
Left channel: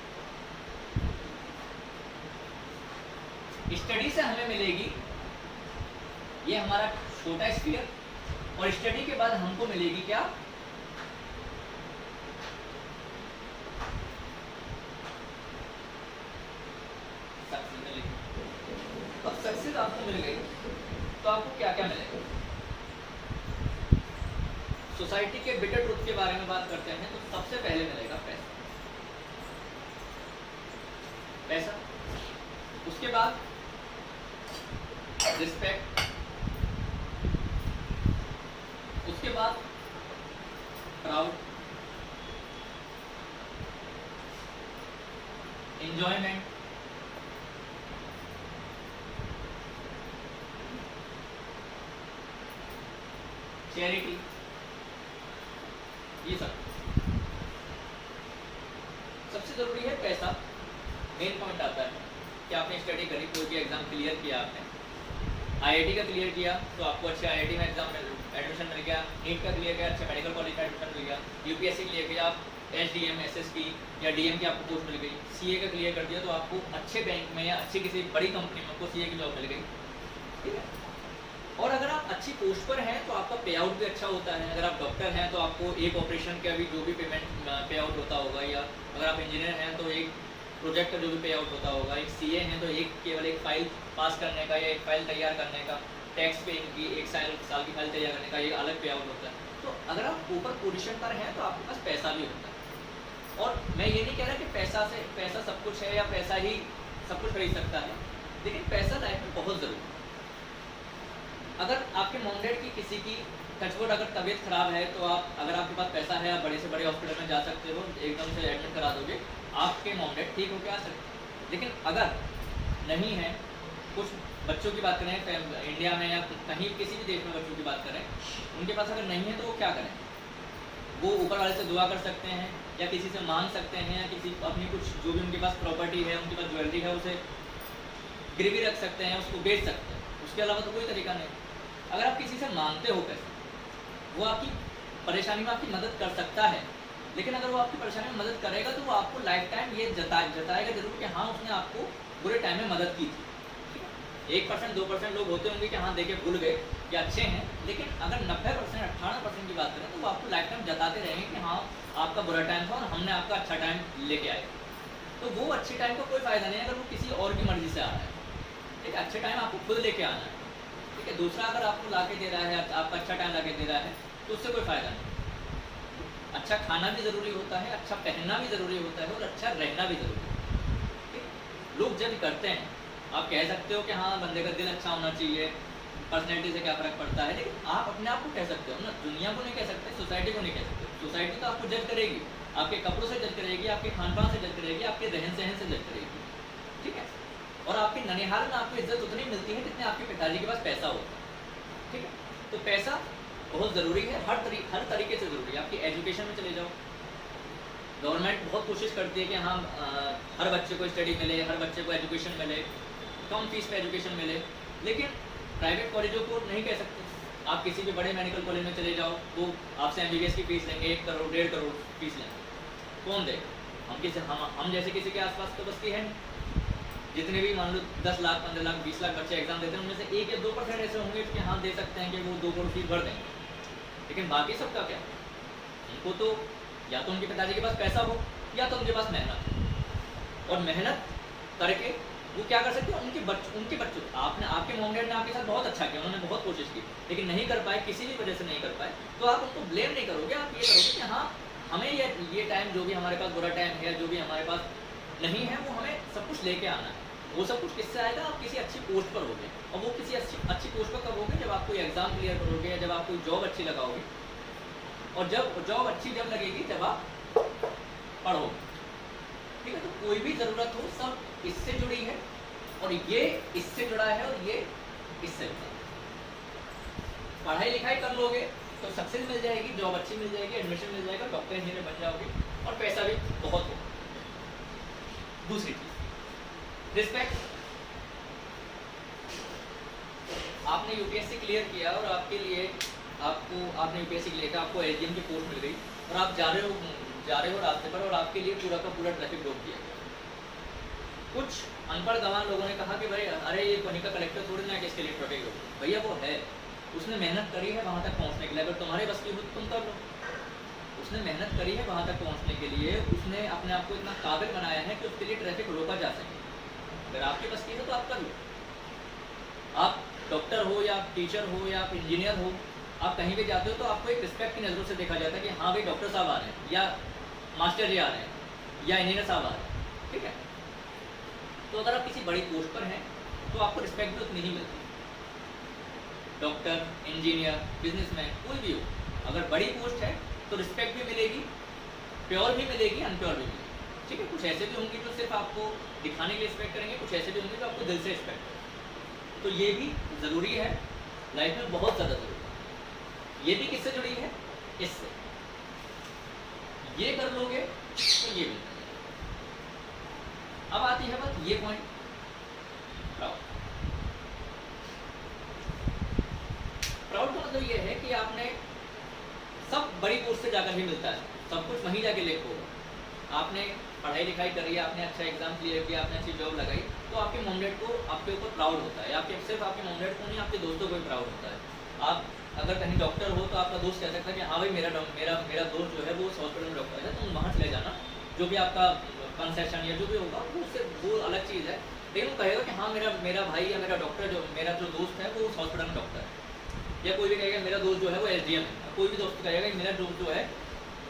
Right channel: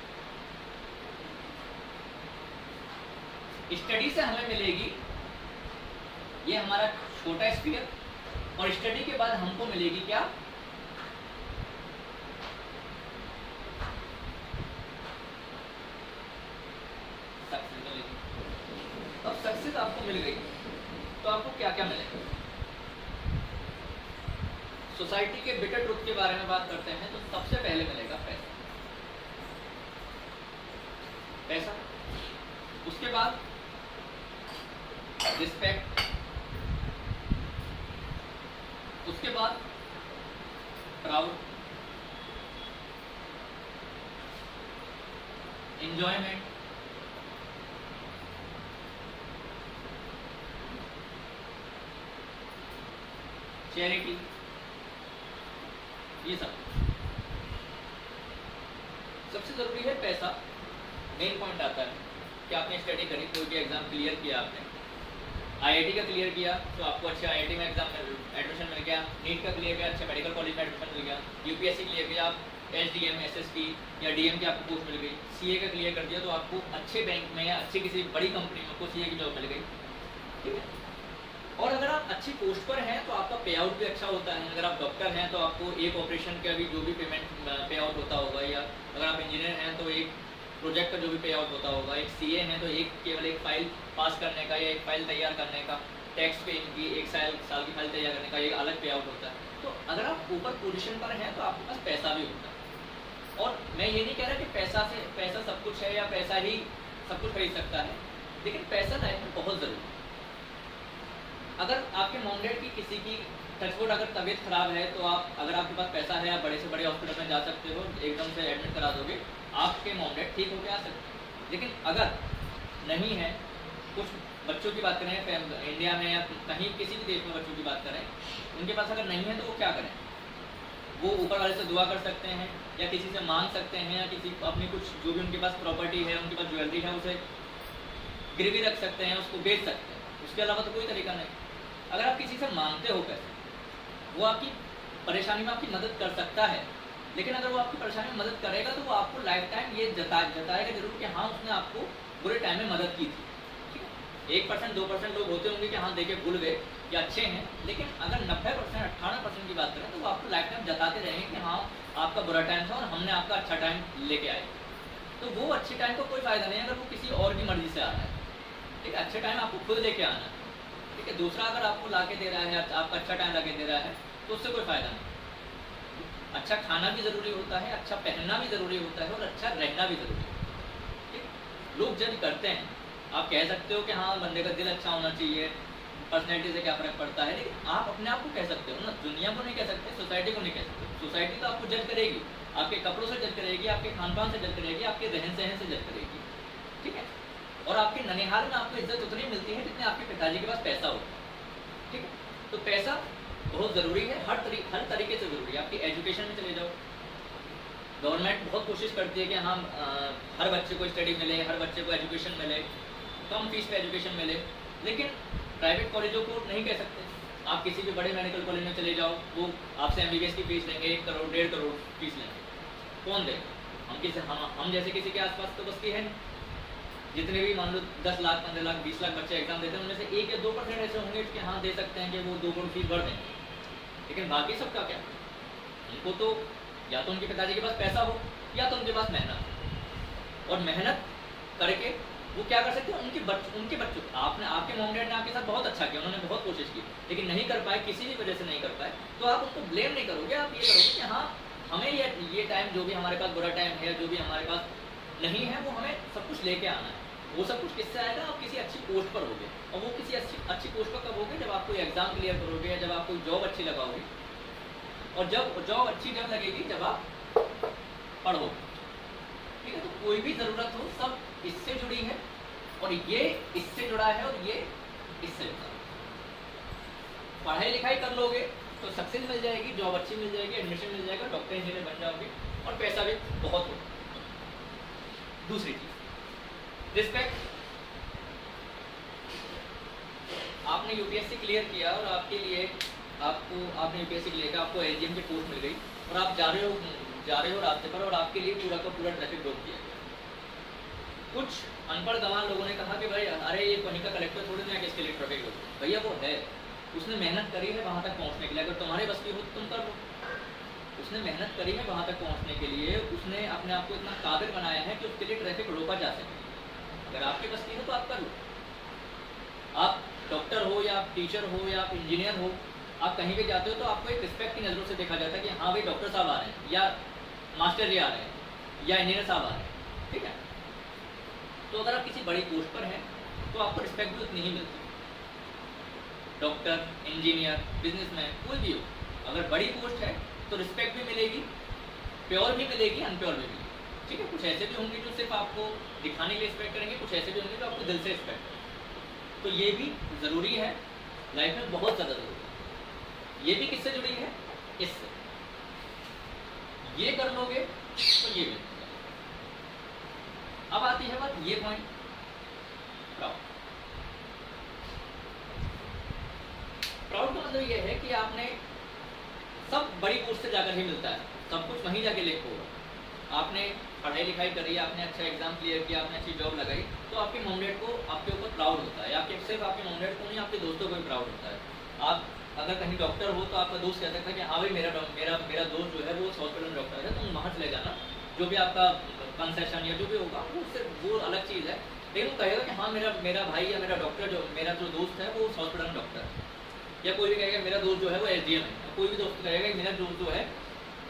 स्टडी से हमें मिलेगी, ये हमारा छोटा स्फीयर, और स्टडी के बाद हमको मिलेगी क्या, सक्सेस मिलेगी। अब सक्सेस आपको मिल गई तो आपको क्या क्या मिलेगा। सोसाइटी के बिटर ट्रुथ के बारे में बात करते हैं तो सबसे पहले मिलेगा पैसा, पैसा। उसके बाद रिस्पेक्ट, उसके बाद प्राउड, एंजॉयमेंट, चैरिटी, ये सब। सबसे जरूरी है पैसा। मेन पॉइंट आता है कि आपने स्टडी करी, कोई भी एग्जाम क्लियर किया, आपने आईआईटी का क्लियर किया तो आपको अच्छे आईआईटी में एग्जाम में एडमिशन मिल गया, नीट का क्लियर किया, अच्छे मेडिकल कॉलेज में एडमिशन मिल गया, यूपीएससी क्लियर किया, आप एसडीएम, एसएसटी या डीएम की आपको पोस्ट मिल गई, सीए का क्लियर कर दिया तो आपको अच्छे बैंक में या अच्छी किसी बड़ी कंपनी में आपको सीए की जॉब मिल गई। ठीक है, और अगर आप अच्छी पोस्ट पर हैं तो आपका पे आउट भी अच्छा होता है। अगर आप डॉक्टर हैं तो आपको एक ऑपरेशन का भी जो भी पेमेंट पे आउट होता होगा, या अगर आप इंजीनियर हैं तो एक प्रोजेक्ट का जो भी पे आउट होता होगा, एक सीए हैं तो एक केवल एक फाइल पास करने का या एक फाइल तैयार करने का, टैक्स पेइंग की एक साल की फाइल तैयार करने का एक अलग पे आउट होता है। तो अगर आप ऊपर पोजीशन पर हैं तो आपके पास पैसा भी होता है। और मैं ये नहीं कह रहा कि पैसा सब कुछ है या पैसा ही सब कुछ खरीद सकता है, लेकिन पैसा लाइफ में बहुत ज़रूरी है। अगर आपके मॉम डैड की किसी की टचवुड अगर तबीयत खराब है तो आप, अगर आपके पास पैसा है, आप बड़े से बड़े हॉस्पिटल में जा सकते हो, एकदम से एडमिट करा दोगे, आपके मॉम डैड ठीक होकर आ सकते हैं। लेकिन अगर नहीं है, कुछ बच्चों की बात करें इंडिया में या कहीं किसी भी देश में बच्चों की बात करें, उनके पास अगर नहीं है तो वो क्या करें, वो ऊपर वाले से दुआ कर सकते हैं या किसी से मांग सकते हैं, या किसी अपनी कुछ जो भी उनके पास प्रॉपर्टी है, उनके पास ज्वेलरी है, उसे गिरवी रख सकते हैं, उसको बेच सकते हैं। उसके अलावा तो कोई तरीका नहीं। अगर आप किसी से मांगते हो पैसे, वो आपकी परेशानी में आपकी मदद कर सकता है, लेकिन अगर वो आपकी परेशानी में मदद करेगा तो वो आपको लाइफ टाइम ये जताएगा जरूर कि हाँ उसने आपको बुरे टाइम में मदद की थी। 1% 2% लोग होते होंगे कि हाँ देखे भूल गए या अच्छे हैं, लेकिन अगर 90% 18% की बात करें तो वो आपको लाइफ टाइम जताते रहेंगे कि हाँ आपका बुरा टाइम था और हमने आपका अच्छा टाइम लेके आए। तो वो अच्छे टाइम का कोई फ़ायदा नहीं है अगर वो किसी और की मर्जी से आ रहा है। ठीक है, अच्छे टाइम आपको खुद लेके आना है। ठीक है, दूसरा अगर आपको ला के दे रहा है, आपका अच्छा टाइम ला के दे रहा है, तो उससे कोई फ़ायदा नहीं। अच्छा खाना भी ज़रूरी होता है, अच्छा पहनना भी ज़रूरी होता है, और अच्छा रहना भी ज़रूरी है। ठीक, लोग जज करते हैं, आप कह सकते हो कि हाँ बंदे का दिल अच्छा होना चाहिए, पर्सनैलिटी से क्या फ़र्क पड़ता है, लेकिन आप अपने आप को कह सकते हो ना, दुनिया को नहीं कह सकते, सोसाइटी को नहीं कह सकते। सोसाइटी तो आपको जज करेगी, आपके कपड़ों से जज करेगी, आपके खान पान से जज करेगी, आपके रहन सहन से जज करेगी। ठीक है, और आपके ननिहाल में आपको इज्जत उतनी मिलती है जितने आपके पिताजी के पास पैसा होता है। ठीक है, तो पैसा बहुत ज़रूरी है, हर तरीके से ज़रूरी है। आपकी एजुकेशन में चले जाओ, गवर्नमेंट बहुत कोशिश करती है कि हाँ हर बच्चे को स्टडी मिले, हर बच्चे को एजुकेशन मिले, कम फीस पे एजुकेशन मिले, लेकिन प्राइवेट कॉलेजों को नहीं कह सकते। आप किसी भी बड़े मेडिकल कॉलेज में चले जाओ, वो आपसे MBBS की फीस लेंगे, 1 करोड़ 1.5 करोड़ फीस लेंगे, कौन देगा? हम जैसे किसी के आसपास तो बस की है नहीं। जितने भी मान लो 10 लाख 15 लाख 20 लाख बच्चे एग्जाम देते हैं, उनमें से 1 या 2% ऐसे होंगे कि हाँ दे सकते हैं कि वो 2 करोड़ फीस भर देंगे, लेकिन बाकी सबका क्या? उनको तो या तो उनके पिताजी के पास पैसा हो या तो उनके पास मेहनत हो, और मेहनत करके वो क्या कर सकते हैं? उनके बच्चों आपके मॉम डैड ने आपके साथ बहुत अच्छा किया, उन्होंने बहुत कोशिश की, लेकिन नहीं कर पाए, किसी भी वजह से नहीं कर पाए, तो आप उनको ब्लेम नहीं करोगे, आप ये करोगे कि हाँ हमें ये टाइम जो भी हमारे पास बुरा टाइम है, जो भी हमारे पास नहीं है, वो हमें सब कुछ लेके आना है। वो सब कुछ किससे आएगा? आप किसी अच्छी पोस्ट पर होगे, और वो किसी अच्छी पोस्ट पर कब होगे? जब आप कोई एग्जाम क्लियर करोगे, या जब आप कोई जॉब अच्छी लगाओगे, और जब जॉब अच्छी जब लगेगी जब आप पढ़ोगे, ठीक है? तो कोई भी ज़रूरत हो, सब इससे जुड़ी है, और ये इससे जुड़ा है, और ये इससे जुड़ा है। पढ़ाई लिखाई कर लोगे तो सक्सेस मिल जाएगी, जॉब अच्छी मिल जाएगी, एडमिशन मिल जाएगा, डॉक्टर इंजीनियर बन जाओगे, और पैसा भी बहुत होगा। दूसरी चीज रिस्पेक्ट। आपने यूपीएससी क्लियर किया, और आपके लिए आपने यूपीएससी क्लियर किया, आपको एसडीएम की पोस्ट मिल गई, और आप जा रहे हो रास्ते पर, और आपके लिए पूरा का पूरा ट्रैफिक रोक दिया गया। कुछ अनपढ़ गंवार लोगों ने कहा कि भाई अरे ये कोनी का कलेक्टर थोड़ी ना किसके लिए ट्रैफिक रोक, भैया वो है, उसने मेहनत करी है वहाँ तक पहुँचने के लिए, अगर तुम्हारे बस की हो तो तुम कर लो। उसने मेहनत करी है वहाँ तक पहुँचने के लिए, उसने अपने आप को इतना काबिल बनाया है कि उसके लिए ट्रैफिक रोका जा सके। अगर आपके बस की हो तो आप कर लो। आप डॉक्टर हो, या आप टीचर हो, या आप इंजीनियर हो, आप कहीं भी जाते हो तो आपको एक रिस्पेक्ट की नज़रों से देखा जाता है कि हाँ भाई डॉक्टर साहब आ रहे हैं, या मास्टर जी आ रहे हैं, या इंजीनियर साहब आ रहे हैं, ठीक है? तो अगर आप किसी बड़ी पोस्ट पर हैं तो आपको रिस्पेक्ट भी उतनी ही मिलती है। डॉक्टर, इंजीनियर, बिजनेसमैन, कोई भी हो, अगर बड़ी पोस्ट है तो रिस्पेक्ट भी मिलेगी, प्योर भी मिलेगी, अनप्योर भी मिलेगी, ठीक है? कुछ ऐसे भी होंगे जो सिर्फ आपको दिखाने के लिए रिस्पेक्ट करेंगे, कुछ ऐसे भी होंगे जो आपको दिल से रिस्पेक्ट करेंगे। तो ये भी ज़रूरी है, लाइफ में बहुत ज़्यादा ज़रूरी है। ये भी किससे जुड़ी है? इससे। ये कर लोगे तो ये भी। अब आती है बात ये पॉइंट, प्राउड का मतलब ये है कि आपने सब बड़ी पोस्ट से जाकर ही मिलता है, सब कुछ वहीं जाके लिख होगा। आपने पढ़ाई लिखाई करी, आपने अच्छा एग्जाम क्लियर किया, आपने अच्छी जॉब लगाई, तो आपके मॉम डैड को आपके ऊपर प्राउड होता है। आपके सिर्फ आपके मॉम डैड को नहीं, आपके दोस्तों को भी प्राउड होता है। आप अगर कहीं डॉक्टर हो तो आपका दोस्त कह सकता है कि हाँ भाई मेरा दोस्त जो है वो हॉस्पिटल में डॉक्टर है, तुम वहाँ चले जाना, जो भी आपका कंसेशन या जो भी होगा वो अलग चीज़ है, लेकिन वो कहेगा कि हाँ मेरा भाई या मेरा डॉक्टर मेरा जो दोस्त है वो उस हॉस्पिटल में डॉक्टर है। या कोई भी कहेगा मेरा दोस्त जो है वो एसडीएम है, कोई भी दोस्त कहेगा कि मेरा दोस्त जो है,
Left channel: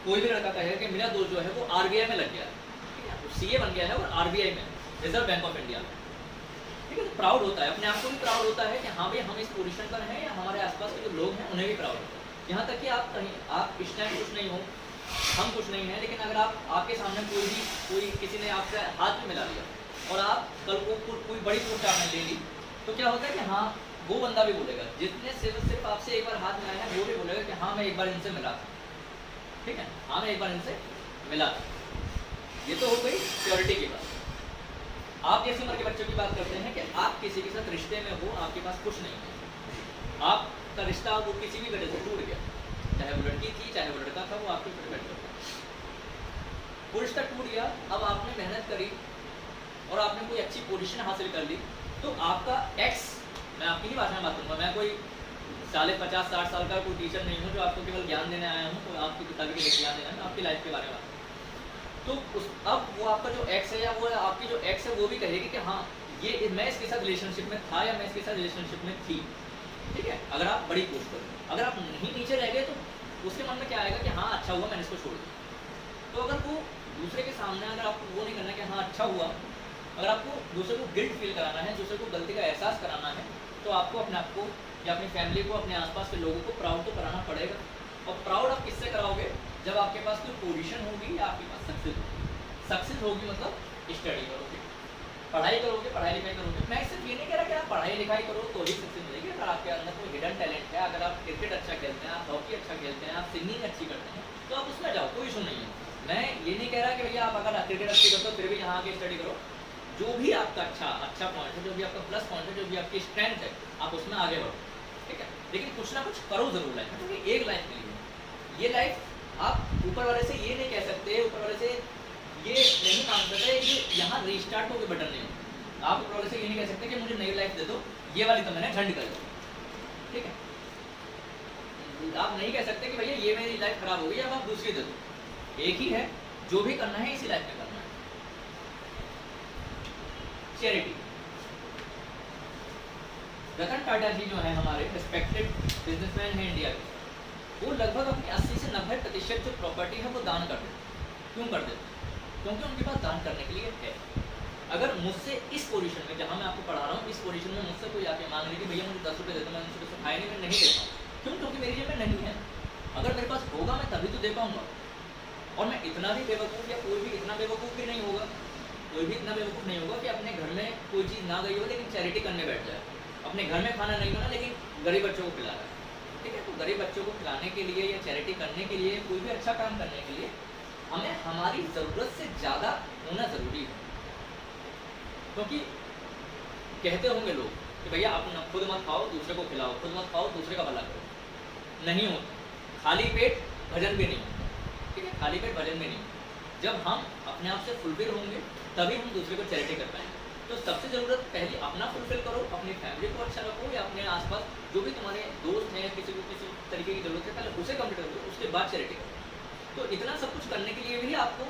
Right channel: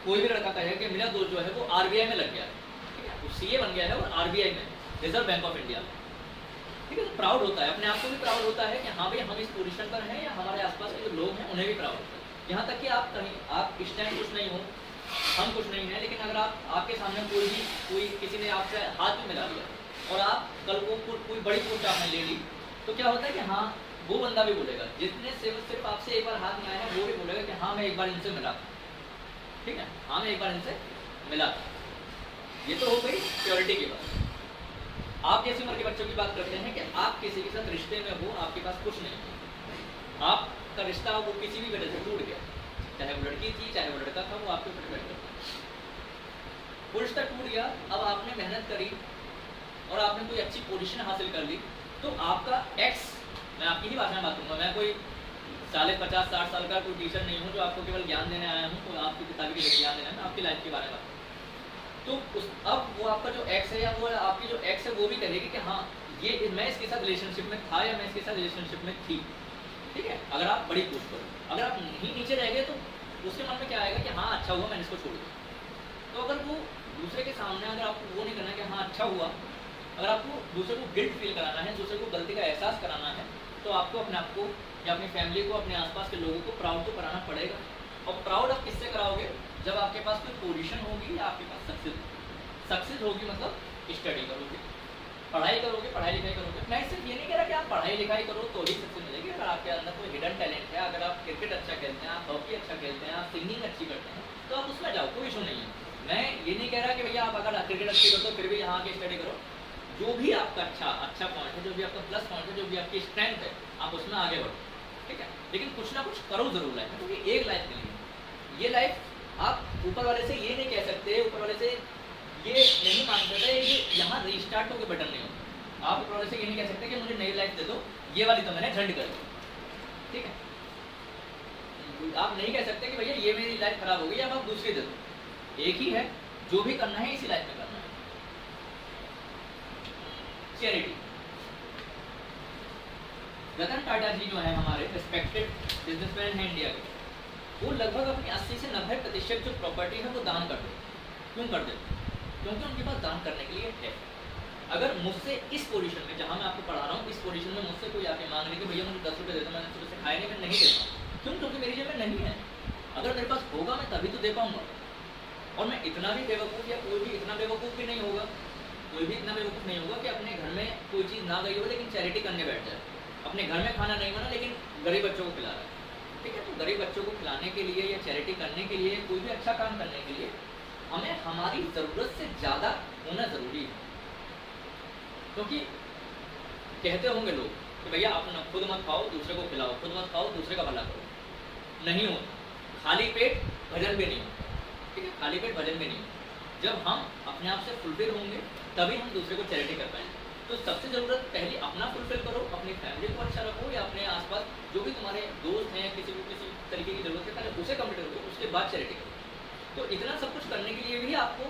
कोई भी लड़का कहेगा कि मेरा दोस्त जो है वो आरबीआई में लग गया है, ठीक है? वो सीए बन गया है और आरबीआई में, रिजर्व बैंक ऑफ इंडिया में, ठीक है? तो प्राउड होता है, अपने आप को भी प्राउड होता है कि हाँ भाई हम इस पोजीशन पर हैं, या हमारे आसपास के जो लोग हैं उन्हें भी प्राउड होता है। यहाँ तक कि आप इस टाइम कुछ नहीं हो, हम कुछ नहीं हैं, लेकिन अगर आपके सामने कोई किसी ने आपसे हाथ भी मिला लिया और आप कल को कोई बड़ी पोस्ट आपने ले ली, तो क्या होता है कि हाँ वो बंदा भी बोलेगा, जिसने सिर्फ आपसे एक बार हाथ मिलाया है वो भी बोलेगा कि हाँ मैं एक बार इनसे मिला था, ठीक है? हाँ मैं एक बार इनसे मिला था। ये तो हो गई प्योरिटी की बात। आप जैसी उम्र के बच्चों की बात करते हैं कि आप किसी के साथ रिश्ते में हो, आपके पास कुछ नहीं है, आपका रिश्ता वो किसी भी वजह से टूट गया, चाहे वो लड़की थी चाहे वो लड़का था, वो आपके ऊपर डिपेंड करता है। वो रिश्ता टूट गया, अब आपने मेहनत करी और आपने कोई अच्छी पोजीशन हासिल कर ली, तो आपका एक्स, मैं आपकी ही भाषा में बात करूँगा, मैं कोई 50-60 साल का कोई टीचर नहीं हूँ जो आपको केवल ज्ञान देने आया हूँ, तो आपकी किताबी के ज्ञान देना है, आपकी लाइफ के बारे में। तो अब वो आपका जो एक्स है या वो आपकी जो एक्स है वो भी कहेगी कि हाँ ये मैं इसके साथ रिलेशनशिप में था या मैं इसके साथ रिलेशनशिप में थी, ठीक है? अगर आप बड़ी पोस्ट पर, अगर आप नहीं नीचे रह गए तो उसके मन में क्या आएगा कि हाँ अच्छा हुआ मैंने इसको छोड़ दिया। तो अगर वो दूसरे के सामने अगर आपको वो नहीं करना कि हाँ अच्छा हुआ, अगर आपको दूसरे को गिल्ट फील कराना है, दूसरे को गलती का एहसास कराना है, तो आपको अपने आप को या अपनी फैमिली को, अपने आसपास के लोगों को प्राउड तो कराना पड़ेगा। और प्राउड आप किससे कराओगे? जब आपके पास कोई पोजीशन होगी या आपके पास सक्सेस होगी। सक्सेस होगी मतलब स्टडी करोगे, पढ़ाई करोगे, पढ़ाई लिखाई करोगे, मैं सिर्फ ये नहीं कह रहा कि आप पढ़ाई लिखाई करो तो ही सक्सेस मिलेगी। अगर आपके अंदर कोई हिडन टैलेंट है, अगर आप क्रिकेट अच्छा खेलते हैं, आप हॉकी अच्छा खेलते हैं, आप सिंगिंग अच्छी करते हैं, तो आप उसमें जाओ, कोई इशू नहीं है। मैं ये नहीं कह रहा कि भैया आप अगर क्रिकेट अच्छी करते हो फिर भी यहाँ आके स्टडी करो। जो भी आपका अच्छा पॉइंट है, जो भी आपका प्लस पॉइंट है, जो भी आपकी स्ट्रेंथ है, आप उसमें आगे बढ़ो, ठीक है। लेकिन कुछ ना कुछ करो जरूर लाइफ में, क्योंकि एक लाइफ नहीं है। ये लाइफ आप ऊपर वाले से ये नहीं कह सकते, ऊपर वाले से ये नहीं मांग सकते कि यहाँ रिस्टार्ट होकर बटन नहीं हो। आप ऊपर वाले से ये नहीं कह सकते कि मुझे नई लाइफ दे दो, ये वाली तो मैंने झंड कर दी, ठीक है। आप नहीं कह सकते कि भैया ये मेरी लाइफ खराब हो गई, अब आप दूसरी दे दो। एक ही है, जो भी करना है इसी लाइफ में करना है। चैरिटी। रतन टाटा जी जो है हमारे रिस्पेक्टेड बिजनेसमैन हैं इंडिया के, वो लगभग अपनी 80 से 90% जो प्रॉपर्टी है वो दान कर देते। क्यों कर देते? क्योंकि उनके पास दान करने के लिए है। अगर मुझसे इस पोजीशन में, जहाँ मैं आपको पढ़ा रहा हूँ, इस पोजीशन में मुझसे कोई आके मांग रही कि भैया मुझे 10 रुपये दे दो, मैं 10 रुपये से खाए नहीं, मैं नहीं देता हूँ। क्यों? क्योंकि मेरी जेब में नहीं है। अगर मेरे पास होगा मैं तभी तो दे पाऊंगा। और मैं इतना भी बेवकूफ़, या कोई भी इतना बेवकूफ़ भी नहीं होगा, कोई भी इतना बेवकूफ़ नहीं होगा कि अपने घर में कोई चीज़ ना गई हो लेकिन चैरिटी करने बैठ जाए। अपने घर में खाना नहीं बना लेकिन गरीब बच्चों को खिला रहा है, ठीक है। तो गरीब बच्चों को खिलाने के लिए या चैरिटी करने के लिए, कोई भी अच्छा काम करने के लिए हमें हमारी ज़रूरत से ज़्यादा होना ज़रूरी है। क्योंकि कहते होंगे लोग कि भैया आप खुद मत खाओ दूसरे को खिलाओ, खुद मत खाओ दूसरे का भला करो। नहीं होता, खाली पेट भजन भी नहीं होता, ठीक है। खाली पेट भजन भी नहीं होता। जब हम अपने आप से फुलफिल होंगे तभी हम दूसरे को चैरिटी कर पाएंगे। तो सबसे ज़रूरत पहले अपना फुलफिल करो, अपनी फैमिली को अच्छा रखो, या अपने आसपास जो भी तुम्हारे दोस्त हैं, किसी को किसी तरीके की ज़रूरत है पहले उसे कंप्लीट करो, उसके बाद चैरिटी करो। तो इतना सब कुछ करने के लिए भी आपको